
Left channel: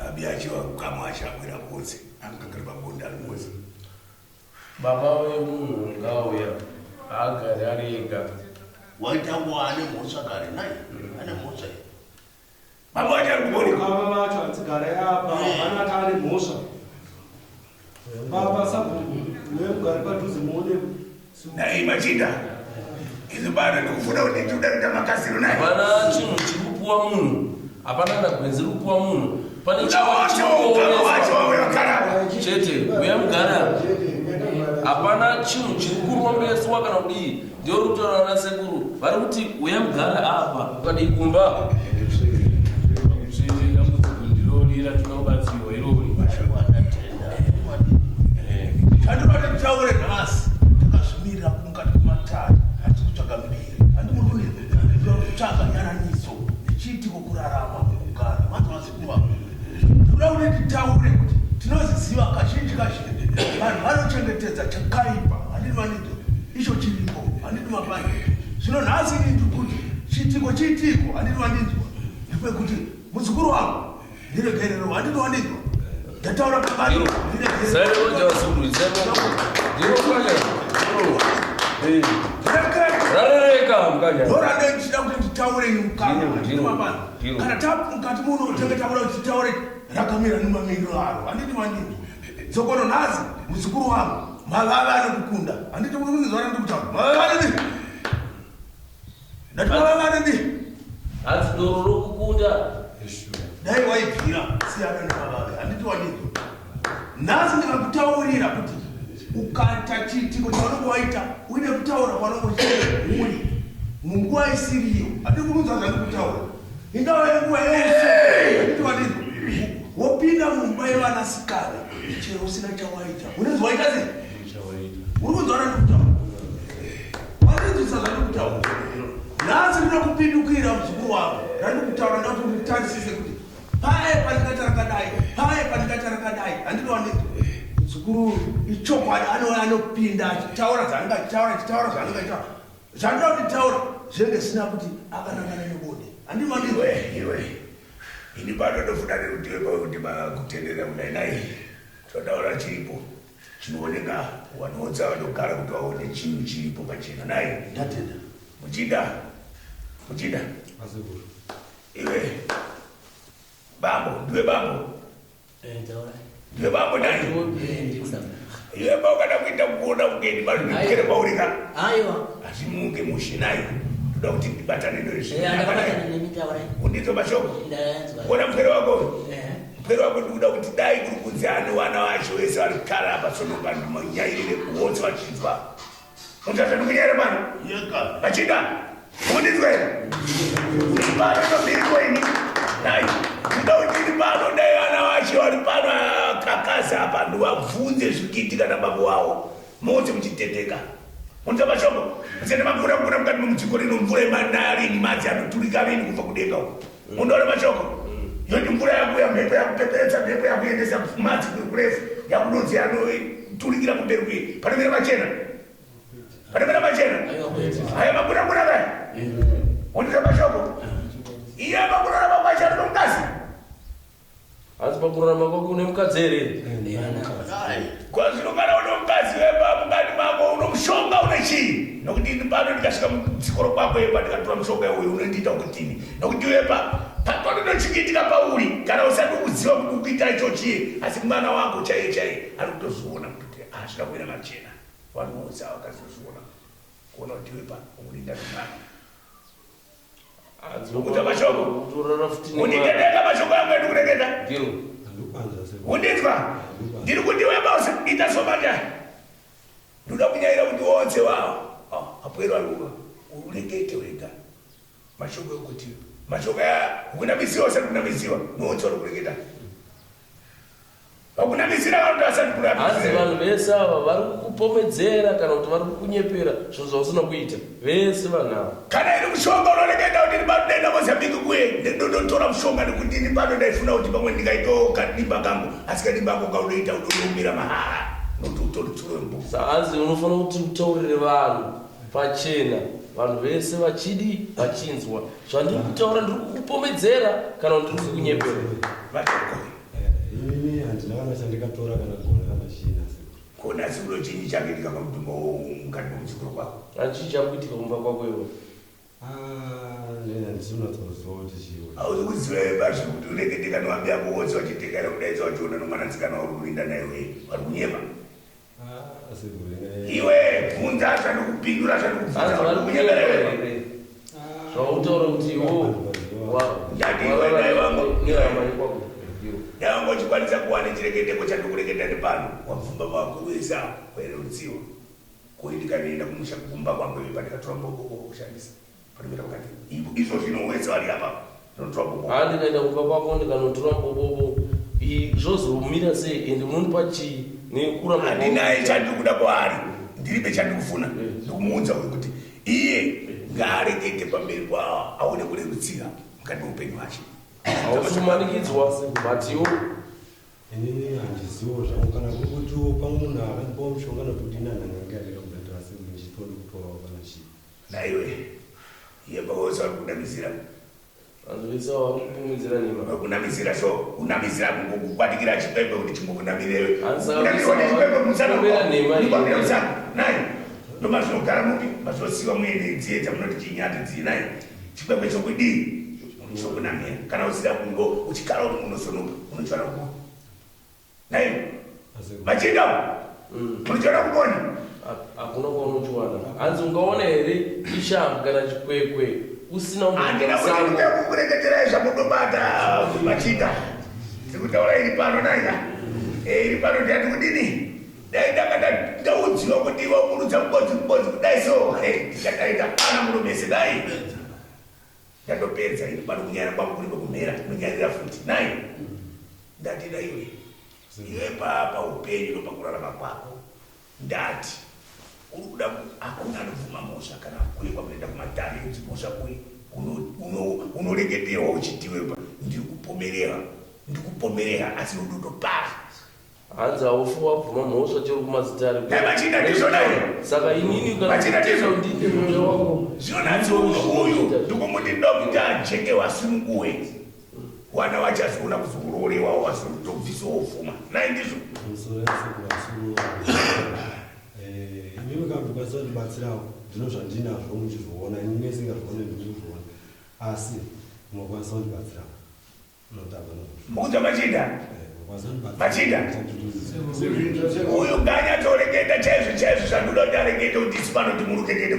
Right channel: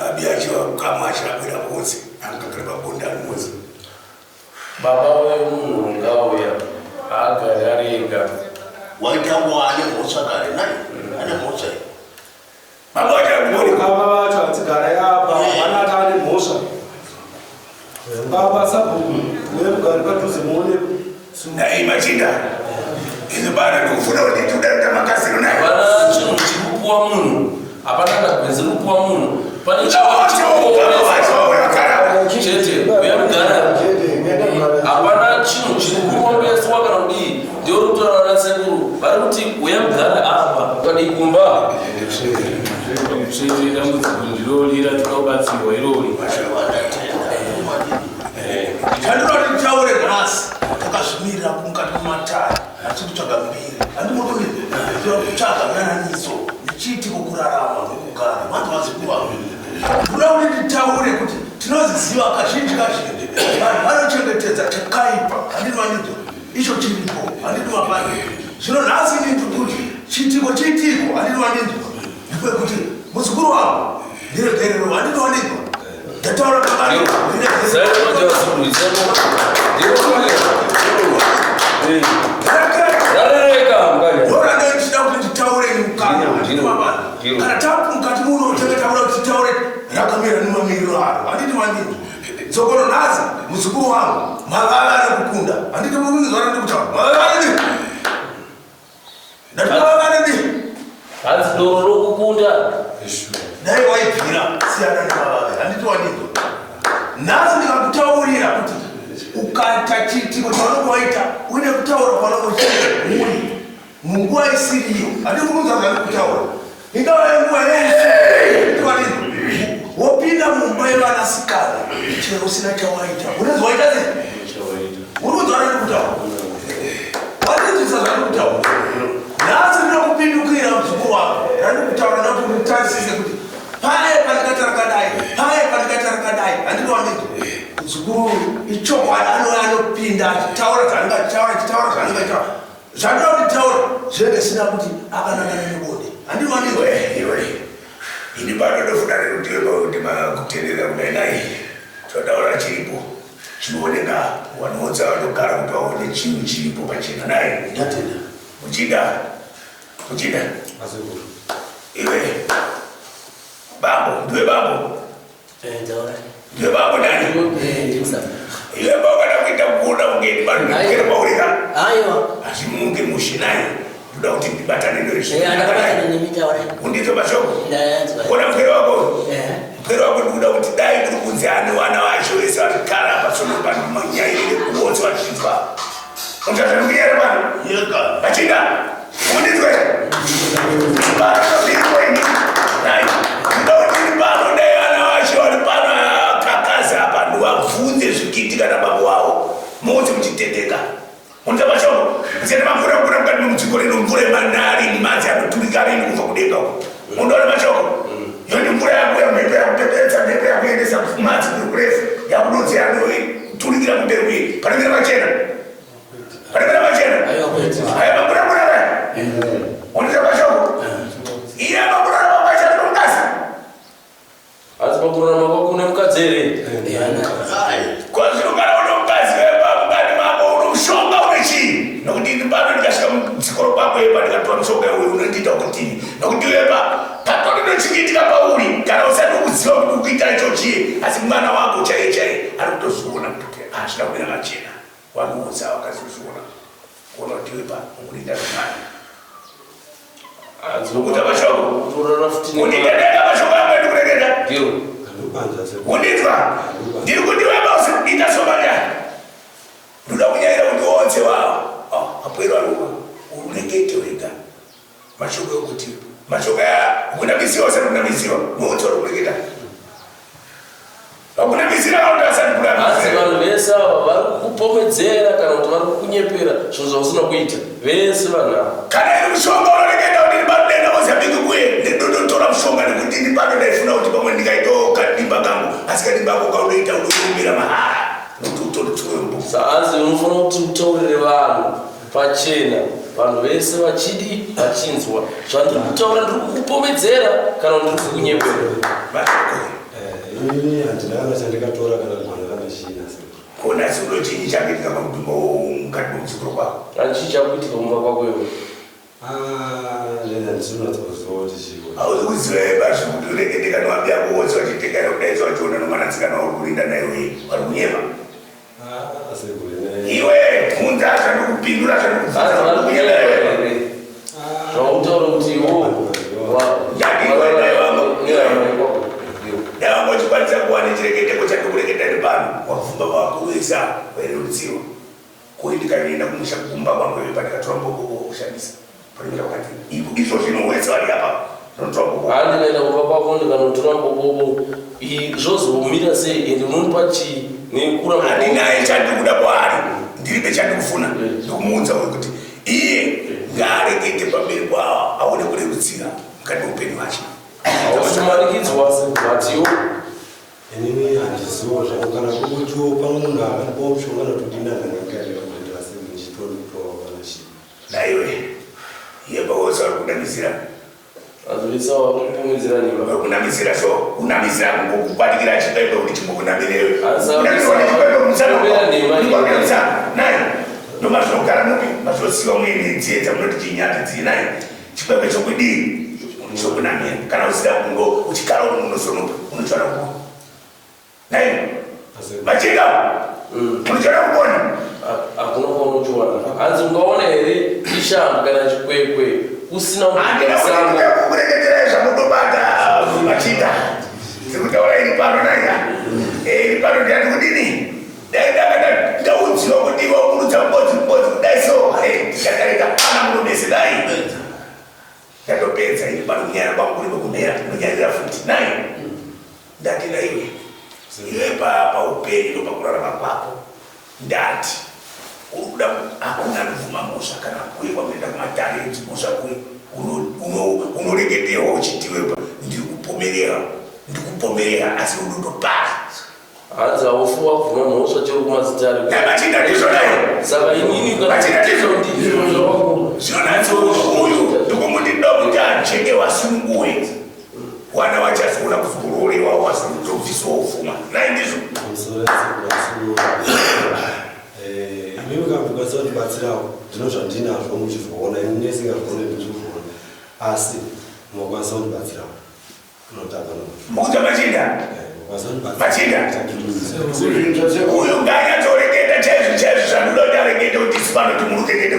abiachiwa kama achirabwera mose angagara pabonda mose baba wemunhu ngauya agare ari ega waitangwa ane mhosva kare nai ane mhosva baba vachakuoni baba vacho atsigara yapa vanati ane mhosva baba sabhuku nevugari padhuze muone nai machinda izo bana ndikufuna kuti tiudaita makaziro naye hapana chinhu chikupuwa munhu hapana ndagwenzi rikupuwa munhu pane chete uya mugara hapana chinhu chirikuombeswa kana kudii ndio rutaura nasekuru vari kuti uya mugara apa kadii kumba dambudziko ndirorira tinobatsirwa irori chandinoti nditaure nhasi takazvimirira kumukati kumatara achikutsvaga mbiri handimototsvaga gananiso nechiitiko kurarama nokugara vanhu vazikuva kuda kuti nditaure kuti tinoziziva kazhinji kazhinji vanhu vanochengetedza chakaipa handinwanito icho chiripo handinwapane zvino nhasi nditi kuti chiitiko handinwanito ndikwekuti muzukuru wangu ndiregerero handinowanikwa ndataura kakani orane ndichida kuti nditaureni mukana kana tapu mukati muno tengetaura kuti titaure rakamira nemamiriro aro handiti mandini tsokono nhasi muzukuru wangu mavava nekukunda handiti murizwana ndikutaura mavavanini ndati mavavanini hanzi doro rokukunda waita uine kutaura panokochii munguva isiriyo hati kukunzazani kutaura ingava yenguva yeusiwanini wopinda mumba yevanasikana chero usina chawaita unenzi waita sei uri kunzwanani kutaura watinzisazani kutaura nhasi ndina kupindukira muzukuru wako randi kutaura nakuti unitarisise kuti paye pandikatarakadai paye pandikatarakadai handinowanini muzukuru ichokwadi anopinda achitaura zvaaningataura zvandoda kuti taura zvinenge sina kuti akanangana nebode handinowanini ini panodofuda kuti kutenderera kudai nai todaura chiripo chinooneka wanoodza vanogara kuti vaone chinhu chiripo pachena nai muchida iwe bambo ndiwe bambo ndiwe bambo nani iwe bambo kana kuita kuona ungeni vanokera maurika asi munge mushinai toda kuti ndibatane neundizvo mashoko kuona mupwere wako ndikuda kuti dai kuri kunzi ane vana vacho vese vari kara pasonopa manyairire kuonzi vachizwa unzvazvanukunyere vanhu vachinda undizwe pano nobirikoini nai ndoda kuti ndiri pano dai vana vacho vari pano akakaza apa ndivabvunze zvikiitika nababa wavo mose muchiteteka unza mashoko sene mamvura kura mukati memudziko rino mvura yemanari nimadzi anoturika veni kubva kudenga uko undoona mashoko yoni mvura yakuya mhepo yakupepetsa mhepo yakuendesa madzi kuri kurefu yakudonzi yanoturikira kumberi kuye panomira machena aya mamvura murava undiza mashoko iye mamvura ramamachana nomukazi asi mamvura ramako kune mukadzi here kwazvinogara une mukazi wepamukati mako uno mushonga une chii nokuti ini pano ndikasvika mudzikoro kwako epa ndikatora mushonga iwoyo unondiita kutini nokuti wepa patinochikiitika pauri kana usati kuziva kuti ukuita icho chii asi mwana wako chaiye ari kutozviona kuti asvika kuina machena wanoudza wakazozviona kuona kuti wepa ukurinda zvemani ukuta mashoko unditendeka mashoko yangu endikureketa undinzwa ndiri kuti webausi itasomanya ndoda kunyaira kuti onse wavo apwero aluva urekete wega mashoko ekuti mashoko kunamisiwa usati kunamisiwa muunzi wari kureketa vakunamisira kauti asati asi vanhu vese ava vari kukupomedzera kana kuti vari kukunyepera zvinhu zvausina kuita vese vanhu ava kana iri mushonga unoreketa kuti ndibadenda mozambiki kuye ndindotora mushonga nekuti ndibado ndaifuna kuti pamwe ndikaitawo kadimba kangu asi kadimba ako kaunoita unoiumbira mahara nokuti utoriturembo saasi unofanira kuti utaurire vanhu pachena vanhu vese vachidi vachinzwa zvandiri kutaura ndiri kukupomedzera kana kuti ndiri kukunyepera ini handinana chandikatora kana mwana kana china kona sino chinyi chakuitika pamudumba mukati memudzikoro kwako chii chakuitika mumba kwako iwe hauzi kuziva ebazvi kuti urekete kana wambi yako wose wachitekana kudaidza wachiona nomwanatsikana uri kurinda naiwe vari kunyepa iwe kunza zvandikupindura zvautaura kuti iwo dava ngochikwanisa kuwana chireketeko chandikureketa ndi pano wapfumba wako wesa wairerutsiwa kuindikanoenda kumusha kumba kwangu iwe pandikatora mboko kushandisa panimira pakati izvo zvino wese vari apa notora mboko handikaenda kumba kwako ndikanotora mbokomo zvozomira sei ende munonipa chii nekura handinaye chandikuda kwaari ndiribe chandikufuna ndikumuudza uyu kuti iye ngaarekete pamberi kwawo aone kurerutsira mukati meupenyu wacho auchimanikidzwa sebatiwo inini handizivo zvangu kana kuutiwo pamwe munhu akanipawo mushonga notodina nangangairaaendera semuchitonipawa kana chii naiwe yeba wose vari kunamisira azovisa wakumupomedzera nima vari kunamisira so kunamisira kungokubatikira chipembe kuti chimbokunamirewe nai nomazvinogara mupi mazvinosiwa muine dziedza munoti chinyati dzinai chipembe chokudii chokunamira kana usida kungo uchigara uri munosonopa unochana kuona nai machinga unochana kuona hakuna kwaunochiwana hanzi ungaona here ishambo kana chikwekwe usina kureketera zvamudobata machinga sekutaura iri pano naiya iri pano ndiati kudini dai ndakada ndaudziwa unokudiwa kurudza mbodzi kudai so tikatarika ana munomese dai ndatopedza ini pano kunyanya kwangu kuri kumera kunyanyira futi nayi ndati naiwe iwe paupenyu nopakurarama kwako ndati urikuda hakuna nuvuma mosha kana kuye kwamuenda kumatalenti mosha kuye unoregeterwa uchitiwepa ndikupomerera asi unotopara hanzi haufuwa kuvuma mhosva chero kumazitare namachinda ndizvonai saka inini zvinonatsouyu ndikumuti ndokuti ajenge wasunguwe wana wachazoona kuzororewa wasitobviswa ufuma nai ndizvo imimi kamukwanisa kutibatsirawo ndino zvandinazvo muchizvoona ini nesingazvone ndizvozvoona asi mukwanisa kutibatsirawo unotaka mukuta machinda uyu nganyatsoreketa chaizvo zvandodareketa kuti sipano timurutekete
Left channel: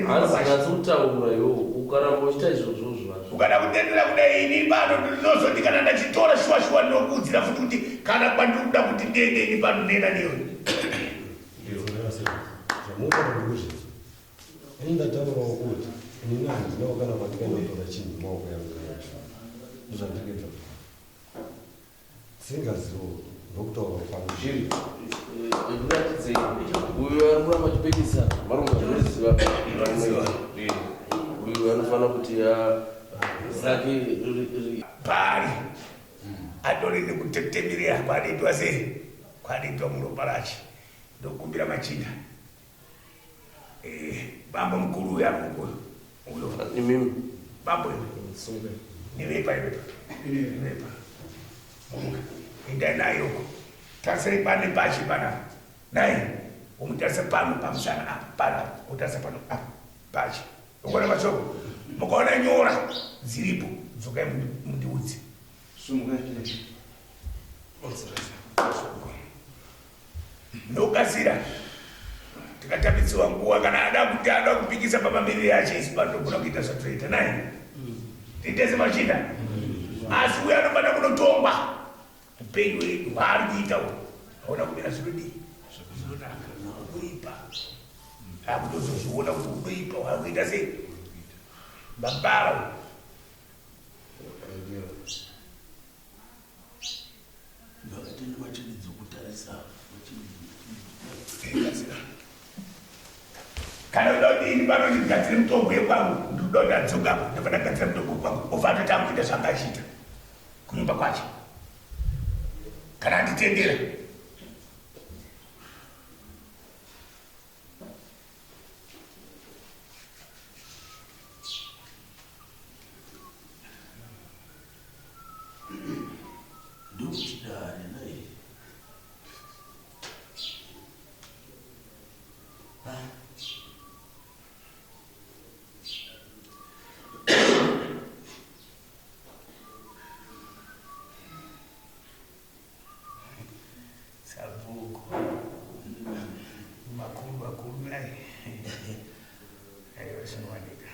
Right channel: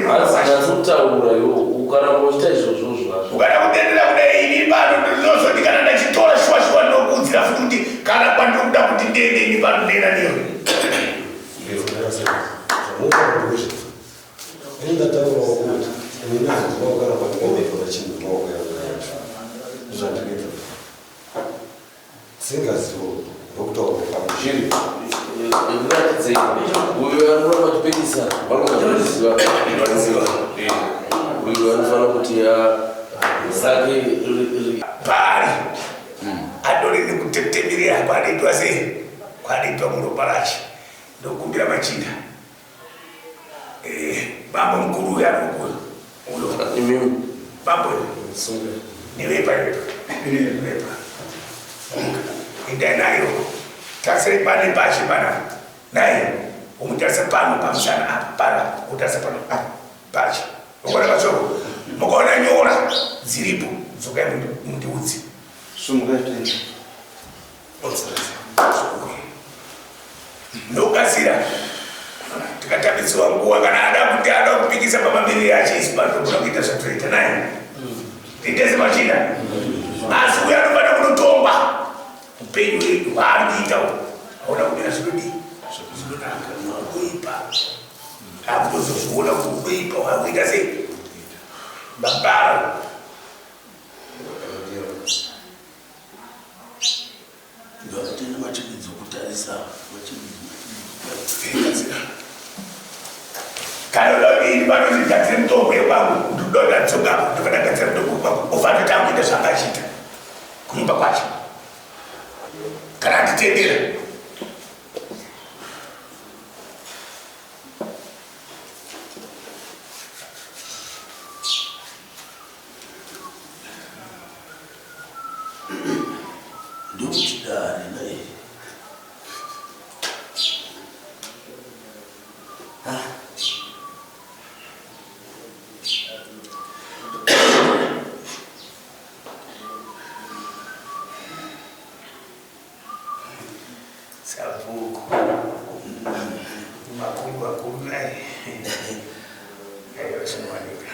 iwo ukaramboita izvozvo zvacho ukada kutenderera kudai ini pano ndinozoti kana ndachitora shuwa ndinokudzira futi kuti kana kwandinokuda kuti ndiende ini pano ndienda niyo ini ndataurawo kuti ini ndinozivawo kana pandingametora chinhu maoko yangu yacho ndizvandikuita singazivo ndokutaura pamuchiri ndinatidze uyo anoramba achipedisa vanogaiziva uyo anofanira kuti zake pari adorine kutetemirira kwaanoitwa sei kwaanoitwa muropa racho ndokumbira machinda bambo mukuru uyo anokuyo imimi bambo nivepa enda nayo tarisire pane pashi pana naye umutarisa pano pamusana apa para utarisa pano pashi ukona masoko mukaona nyora dziripo dzokai mundiudzi ndokasira tikatambisiwa nguwa kana ada kupikisa pamamiriri achiisi pandokuda kuita zvatoita naye itese machinda asi uyo anofana kunotongwa upenyu wedu waari kuita aona kumira zvinodii zvinonaka unoipa akutozozviona kuti unoipa wakuita sei mabara ndoatenda machimidzi okutarisa kana udodini vanozvigadzire mutombo yekwangu ndidoda dzogapo ndokadagadzira mutombo wekwangu ufana tanguita zvangachita kunyumba kwacho kana anditendera ndokutidare naye sabuku makulu naye ayo zinowanika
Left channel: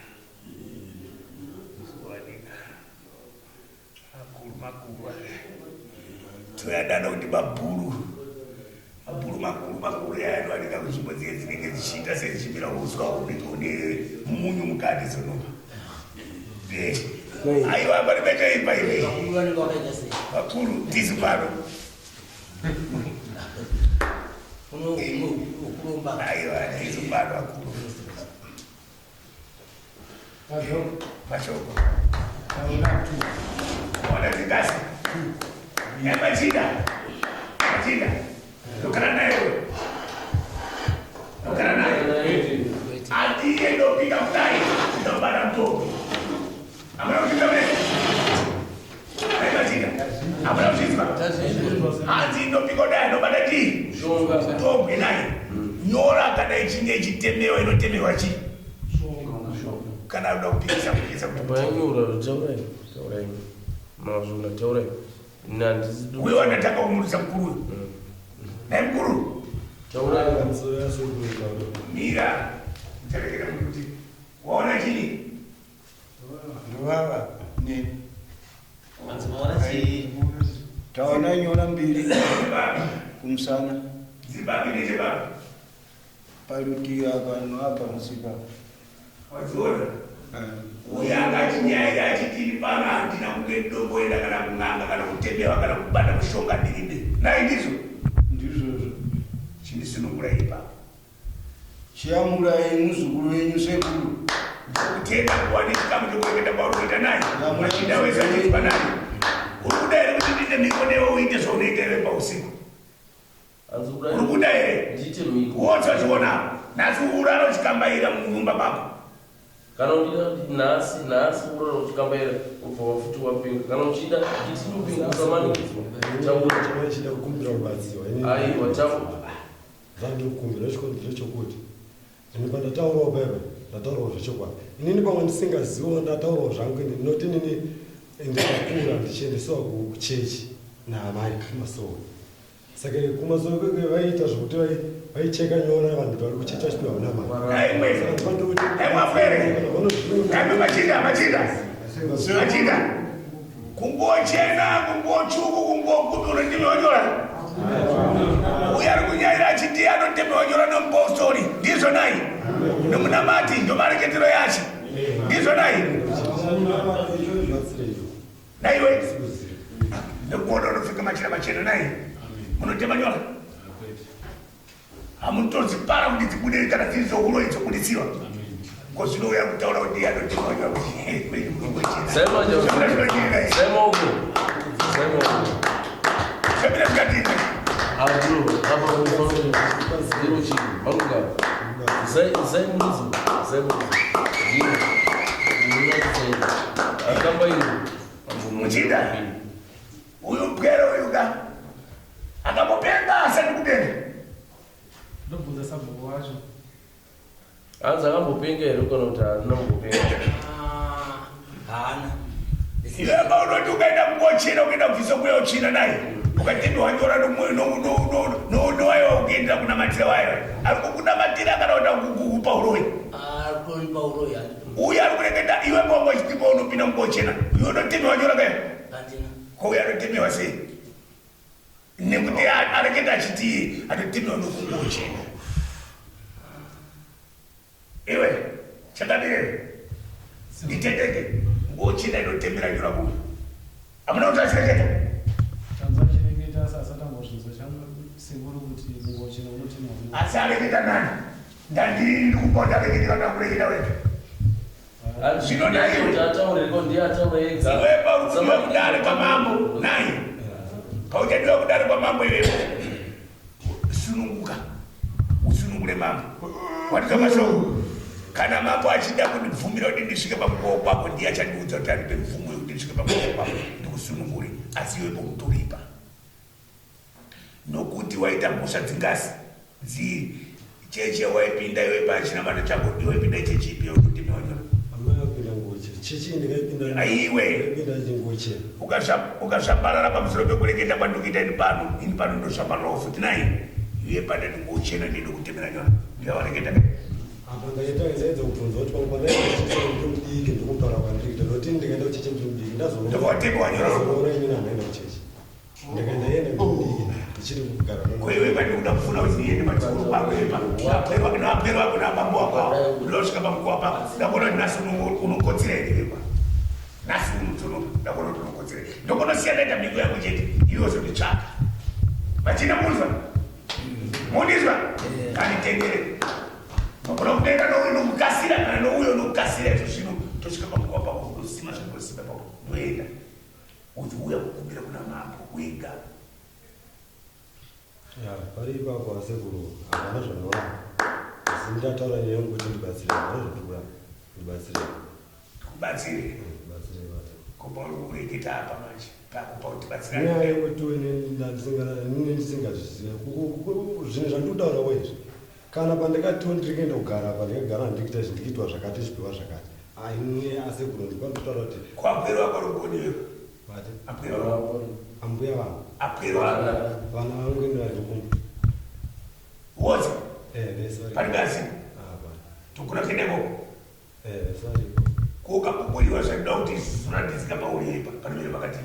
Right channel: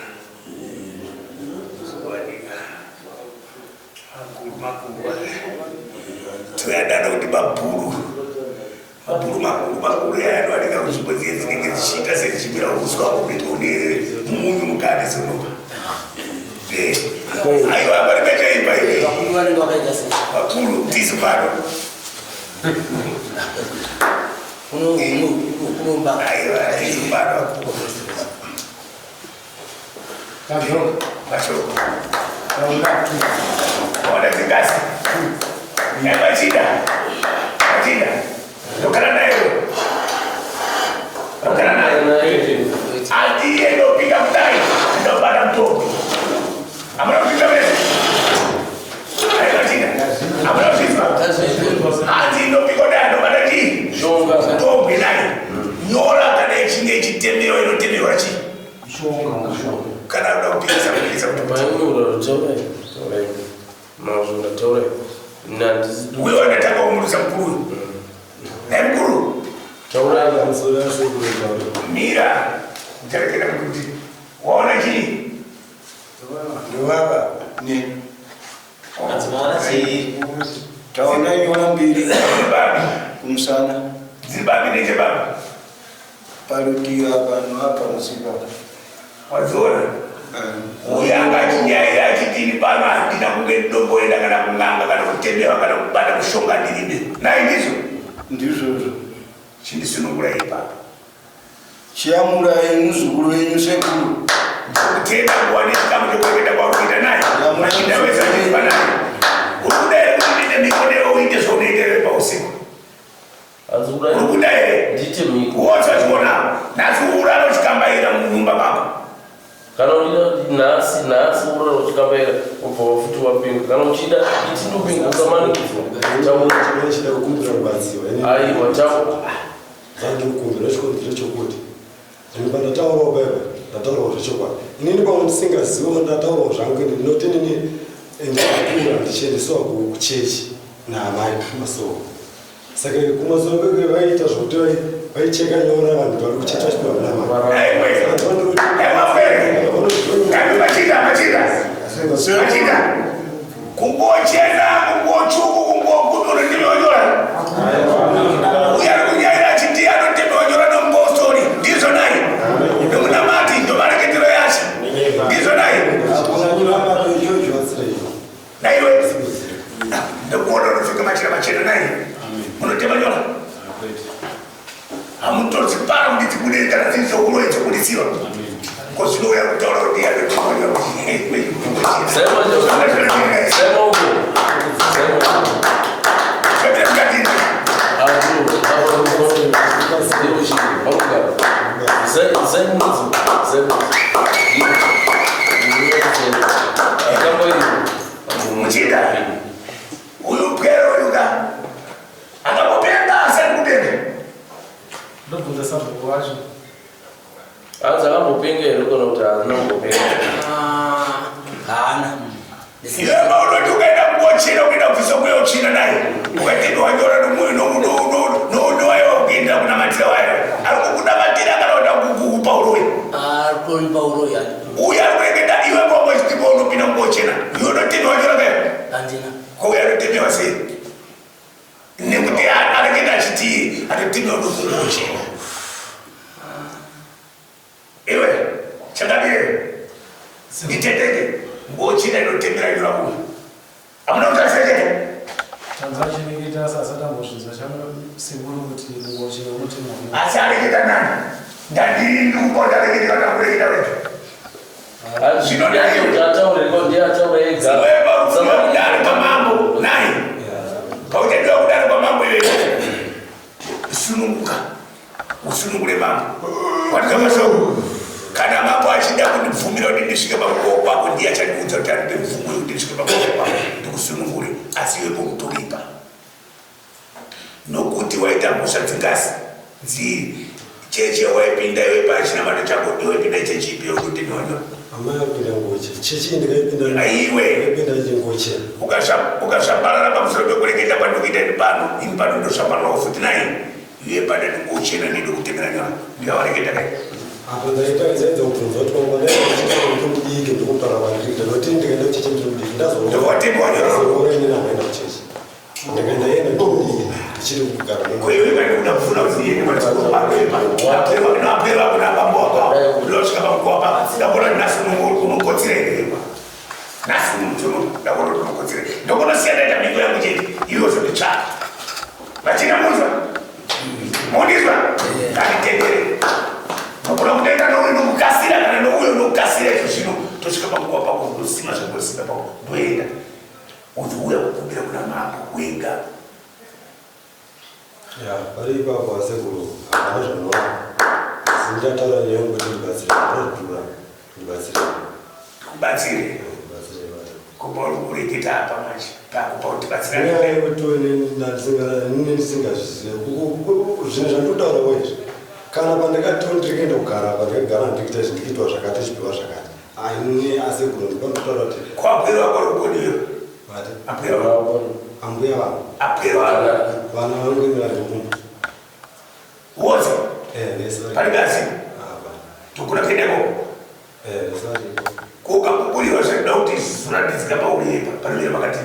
makulu toyadana kuti mabhuru makuru aya anowanika kunzvimbo dziye dzinenge dzichiita sedzichimira uswa kuita une munyu mukati zinopa aiwa paripechaipa ive makuru tisu pano aiwa tisu pano mashoko ona dzingasi machinda tokana nayo atiye ndopika kudai ndobata mutombo amuna kupinda mese aimachinda amuna kupinzwa ati ndopika kudai ndobata chii mutombo inayo nyora kana ichinge ichitemewa inotemerwa chii kana uda kupikisa uyo anataka kumurisa mkuru naye mkuru mira ntarekera kuti waona chii ndovava taona nyora mbiri kumusana dzibambi nechebaba parutiwa pano apa musika wazora uyanga chinyaya yachitini pano handina kunge ndomboenda kana kung'anga kana kutembewa kana kubata kushonga ndiribe naizvizvo ndizvozvo chindisunungura ipapa chiamurai muzukuru wenyu sekuru ndokutenda nguwa nechikamu chekuenda kwakuita naye achindawezaipa naye uri kuda here kuti ndiite miko newe uite zvaunoitewe pausiku uri kuda here wosachiona nhasi uraro chikambaira munyumba mako kana uchida nhasi uraro chikambaira ubva wafuti wapinga kana uchida iti ndopinga usamanikidzwa chida kukumbira rubatsiwa aiwa taura zvandikukumbira chokuti ini pandataurawo baiba ndataurawo zvechokwadi inini pamwe ndisingazivo ndataurawo zvangu ndinoti nini ndakakura ndichiendesewa kuchechi naamai kumasoro saka kumasoro kweke vaiita zvokuti vaicheka nyora vanhu vari kuchechi vachipiwa munamachida kungochena kungochuku kungokudura ndinoonyora uyari kunyaira achiti anotembeonyora nombostori ndizvo nai nomunamati ndomareketero yacho ndizvo nai naiwe ndikuona unofika machira machena nai unotema nyora hamutorisi paro kuti tikudei kana dzirizouroi dzokudisiwa kozvinouya kutaura kuti anotemanyora muchida uyu pwero uyuka akamupenga asati kupenga ndobvunza sabhuku wacho hanzi akambopenga here kana kuti hazinambopenga hana iwe maunoti ukaenda kungochina ukaenda kubvisa mweya uchina naye ukatenda wanyora nowayo ukienda kunamatira wayo ari kukunamatira kana kuda kukupa uroi aripa uroi uyu ari kureketa iwe ngongositipa unopinda kungochina iwe unotenda wanyora kayo andina kwauya anotemewa sei nekuti areketa achiti anotemewa nokungochina iwe chakadire nditeteke ngochina inotemera nyora kuyo amuna kuti aseteke tanzachinengeta sasatambozvinzwa chamusikuru kuti ngochina unotemwa asi areketa nani ndandiri ndikupota areketa katakureketa wetu kudare kwamambo nai pautendiwa kudare kwamambo iyoyo sununguka usunungure mambo watika mashoko kana mambo achida kundibvumira kuti ndisvike pamukowo kwako ndiye achandiudza kuti andipe mvumo yekuti ndisvike pamukowo kwako ndikusunungure asi iwe pokutoripa nokuti waita mhosva dzingazi dziri cheche waipinda iwe pachinamato chako iwaipinda chechipi yokutenonyora aiwe ukashambalala pamusoro pekureketa pandikuita ini pano ini pano ndoshambalalawo futi nai iye pada ndingochena ndidi kutemera nyora ndikawareketa kai apo ndaitaidzaidza kubvunza kuti wangodaiike ndikupara vandikita noti ndikaenda kucheche ndimudiki ndikowatemba wanyoraoreninaenda kucheche ndikaenda yena ndimudiki ndichiri kugara koiwe kaikuda kufuna kuziyeapeva kuna bambo wako ndosvika pamukowa pa ndakona nhasi unokotsirewa nhasi mutunu ndakona kuti unokotsirei ndokonosiyanaita miko yangu chete iwo zvonditsvaka vachina munzwa mondizwa anditendere nokona kutoenda nouyu nokukasira kana nouyo nokukasira izvo zvino tosvika pamukowa pako ndosima zvangosima pako ndoenda uzi uya kukumbira kuna mambo wega pari ipapo asekuru hapana zvanova zindataura neyangu kuti ndibatsire ndozvidura ndibatsire kubatsire kureketa apa manje pakupa kuti batsira nyaya yekuti ndisingazvizive zvinhu zvandikutaura wezvi kana pandikati ndikaenda kugara pandikagara ndikuita zvindikiitwa zvakati zvipiwa zvakati aine asekuru ndipandikutaura kuti kwapwera kwarukonio ambuya vanhu vana vanongomira ndikumba wose parikasi tokuna kuendeko kokapupuriwa zvinoda kuti zvoratidzika paurepa panomira pakati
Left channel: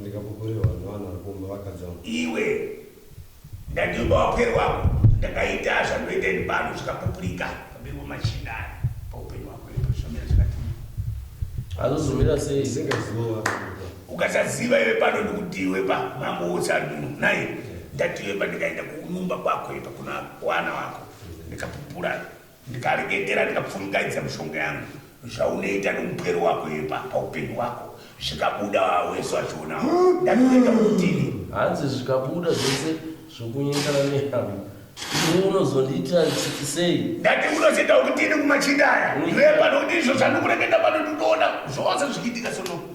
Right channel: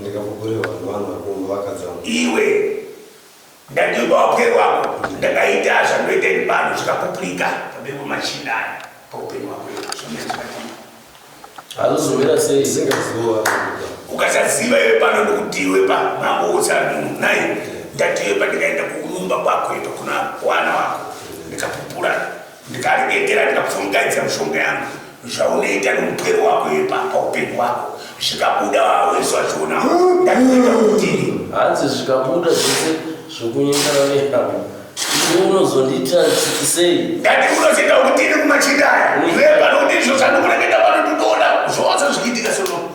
ndikapupuriwa nevanhu varikumba vakadzama iwe ndandiba wapwerwako ndakaita zvanoita pano chikapupulika pabeko machindani paupenyu wako azozomera sei singaziwa ukasaziva iwe pano ndikuti iwe pa mabosa naye ndati iwe pa ndikaenda kunyumba kwako ipa kuna wana wako ndikapupula ndikaregekera ndikapfungaidza mishonga yangu zvaunoita nomupero wako ipa paupenyu wako zvikabuda waweso achiona ndatiita kutini hanzi zvikabuda zvese zvokunyengana nehama iwe unozondiita sei ndati unozoita kutini kumachindaya iwe pano kuti izvo zvandokureketa pano tinoona zvose zvichiitika sono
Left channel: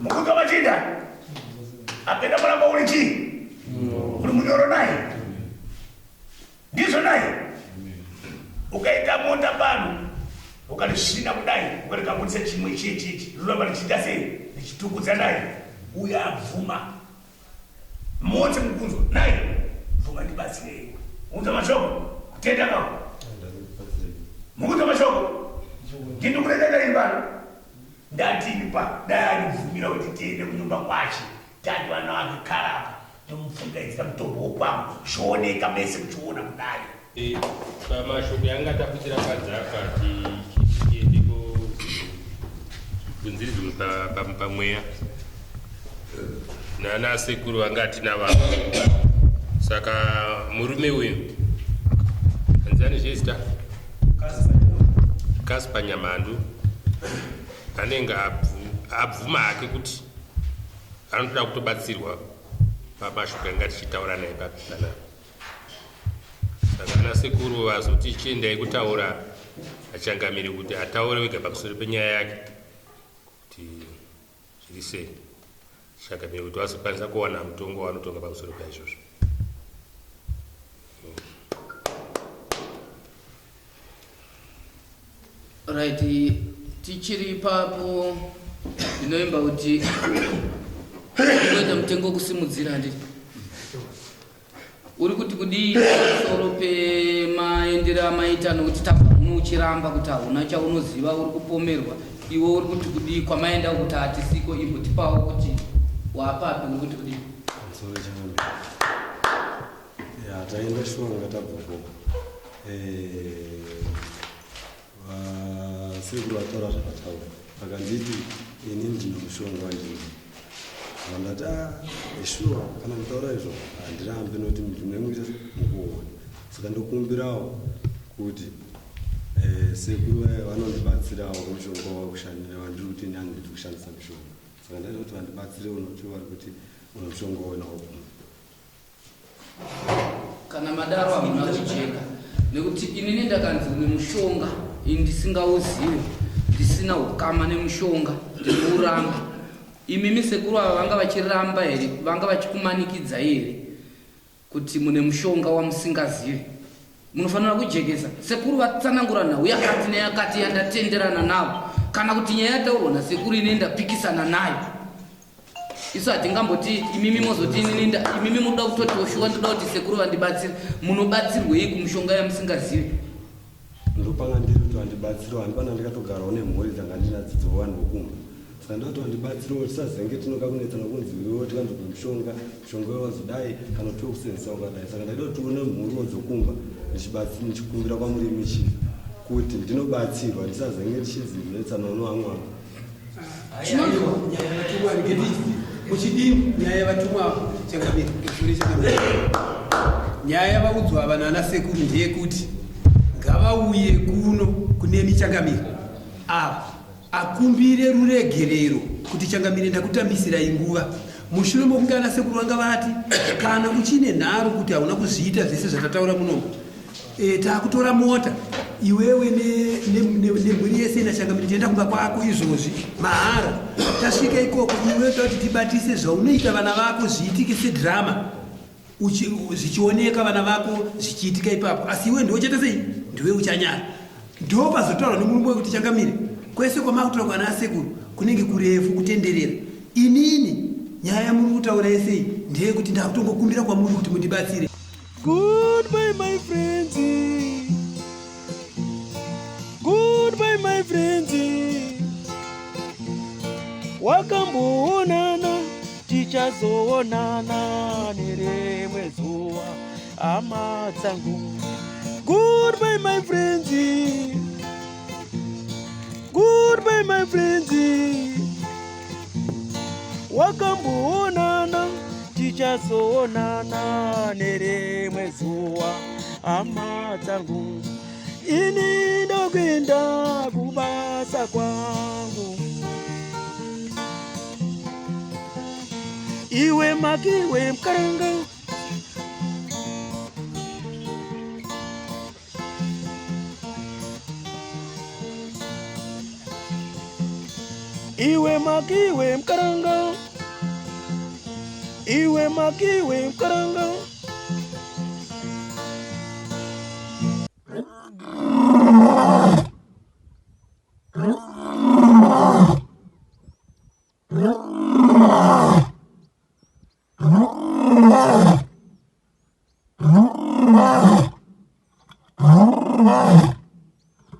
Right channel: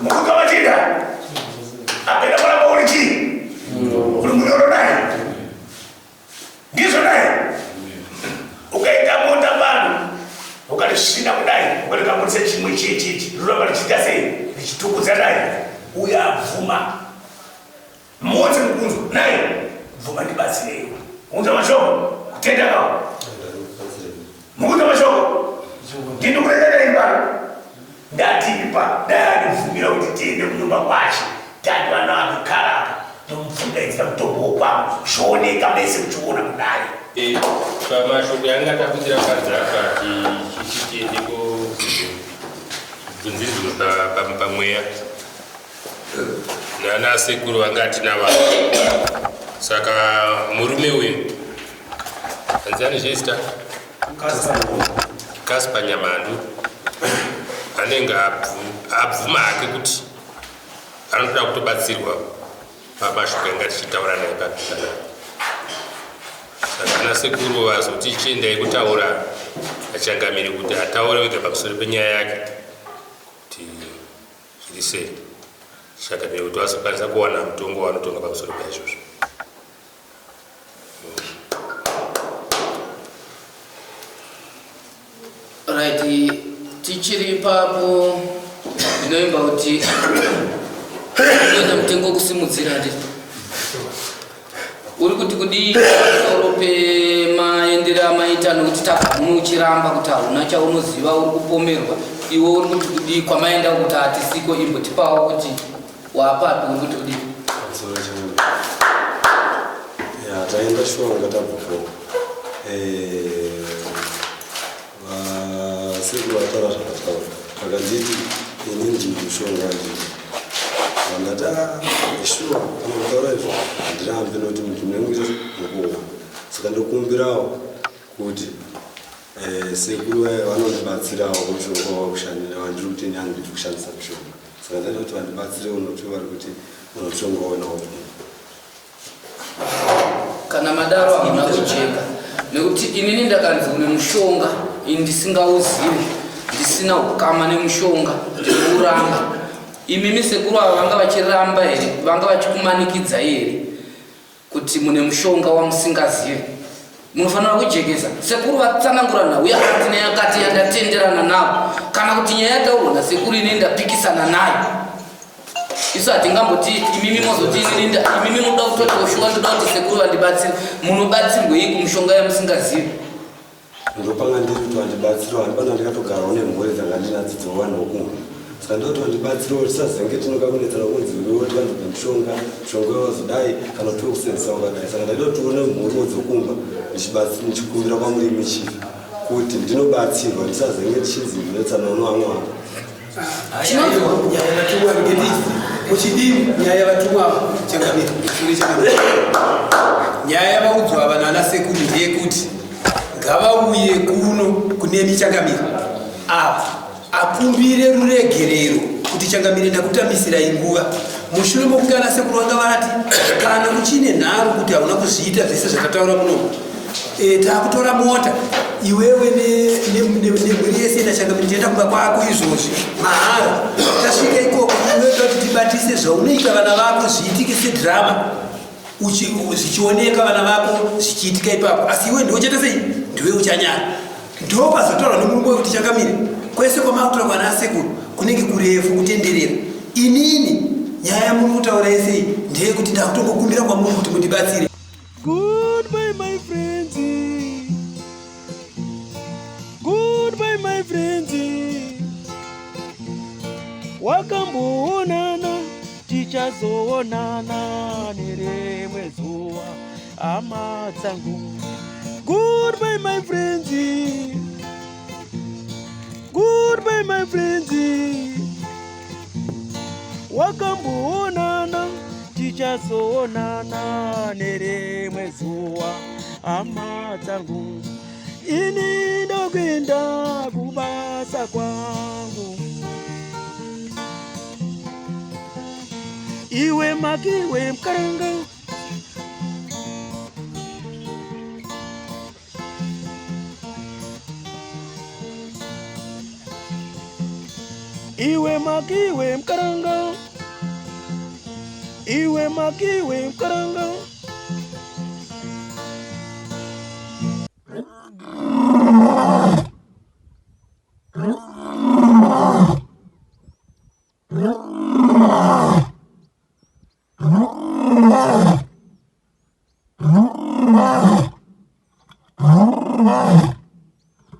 mukuka machinda apenda kuramba uri chii uri munyoro naye ndizvo naye ukaita mota pano ukatisvina kudai ukatikamurisa chimwe chichichi riramba richiita sei richitukudza naye uye abvuma moti mukunzwa naye bvuma ndibatsirei unza mashoko kutenda kawo mukunza mashoko ndinokureketa imbano ndatipa dayandibvumira kuti tiende kunyumba kwacho tati vana vakukarapa tomupfungaidza mutombo wokwamo zvooneka mese kuchiona kudai pamashoko yanga takuitira padzaka tiende kunziridzwa pamweya nana sekuru vanga tinava saka murume uyu anzani zvesta Kaspa Nyamandu anenge abvuma hake kuti anotoda kutobatsirwa pamashoko anga tichitaura naye papitana saka ana sekuru vazoti chiendai kutaura achangamiri kuti ataure wega pamusoro penyaya yake kuti zviri sei changamiri kuti vazokwanisa kuwana mutongo wanotonga pamusoro paizvozvo. Right, tichiri papo ndinoimba kuti unoita mutengo kusimudzira ndi uri kuti kudii pamusoro pemaendera maita nokuti tamuchiramba kuti hauna chaunoziva uri kupomerwa iwe uri kuti kudii kwamaenda kuti hatisiko imbotipawo kuti wapapi uri kuti kudii taenda shonga tabvufo sekuru vatara zvakataura akanditi ini ndini mushonga ndii vandati ishuwa kana kutaura izvo handirambe nokuti munhu unenguita mukuwa saka ndokumbirawo kuti sekuru vanondibatsirawo mushonga wakushandira vandiri kuti ini handidi kushandisa mushonga saka ndaida kuti vandibatsirewo nokuti vari kuti mushonga wanawo kana madaro hamuna kujeka nekuti inini ndakanzi une mushonga ndisingauzivi ndisina ukama nemushonga ndiuramba imimi sekuru ava vanga vachiramba here vanga vachikumanikidza here kuti mune mushonga wamusingazivi munofanira kujekesa sekuru vatsanangura nhau yakati neyakati yandatenderana navo kana kuti nyaya yataurwa nasekuru ine ndapikisana nayo isu hatingamboti imimi mozoti imimi munoda kutoti oshuwa ndoda kuti sekuru vandibatsire munobatsirwei kumushonga yamusingazivi ndopanga ndiri kuti vandibatsirawo handipana ndikatogarawo nemhuri dzanga ndinadzidzo vanhu vokumva saka ndoti vandibatsirawo tisazenge tinokakunetsana kunzi uriwoti vandopa mushonga wazodai kana kuti wekusenzesa wakadai saka ndaida kuti tione mhuriwo dzokumva ndichikumbira kwamurimi chifi kuti ndinobatsirwa ndisazenge tichinzi ndinetsana unoamwako muchidini nyaya yavatumwa changamiri nyaya yavaudzwa vanhu ana sekuru ndeyekuti ngavauye kuno kuneni changamiri apa akumbire ruregerero kuti changamiri ndakutambisirai nguva mushure mokunge ana sekuru vanga vati kana uchine nharo kuti hauna kuzviita zvese zvakataura munomu taakutora mota iwewe nemhuri yese nachangamiri tienda kumba kwako izvozvi mahara tasvika ikoko iwe kuti tibatise zvaunoita vana vako zviitike sedhirama zvichioneka vana vako zvichiitika ipapo asi iwe ndochata sei ndiwe uchanyara ndopazotaurwa nemurungu wekuti changamire kwese kwamakutora kwana asekuru kunenge kurefu kutenderera inini nyaya muri kutaura yesei ndeyekuti ndakutongokumbira kwamuri kuti mundibatsire. Goodbye my friends, goodbye my friends, wakamboonana ticha tichazoonana nerimwe zuva hama dzangu. Goodbye my friends, goodbye my friends. Wakamboonana tichazoonana nerimwe zuva hama dzangu. Ini ndokwenda kubasa kwangu. Iwe makiwe mkaranga, iwe makiwe mkaranga, iwe makiwe mkaranga. Oh,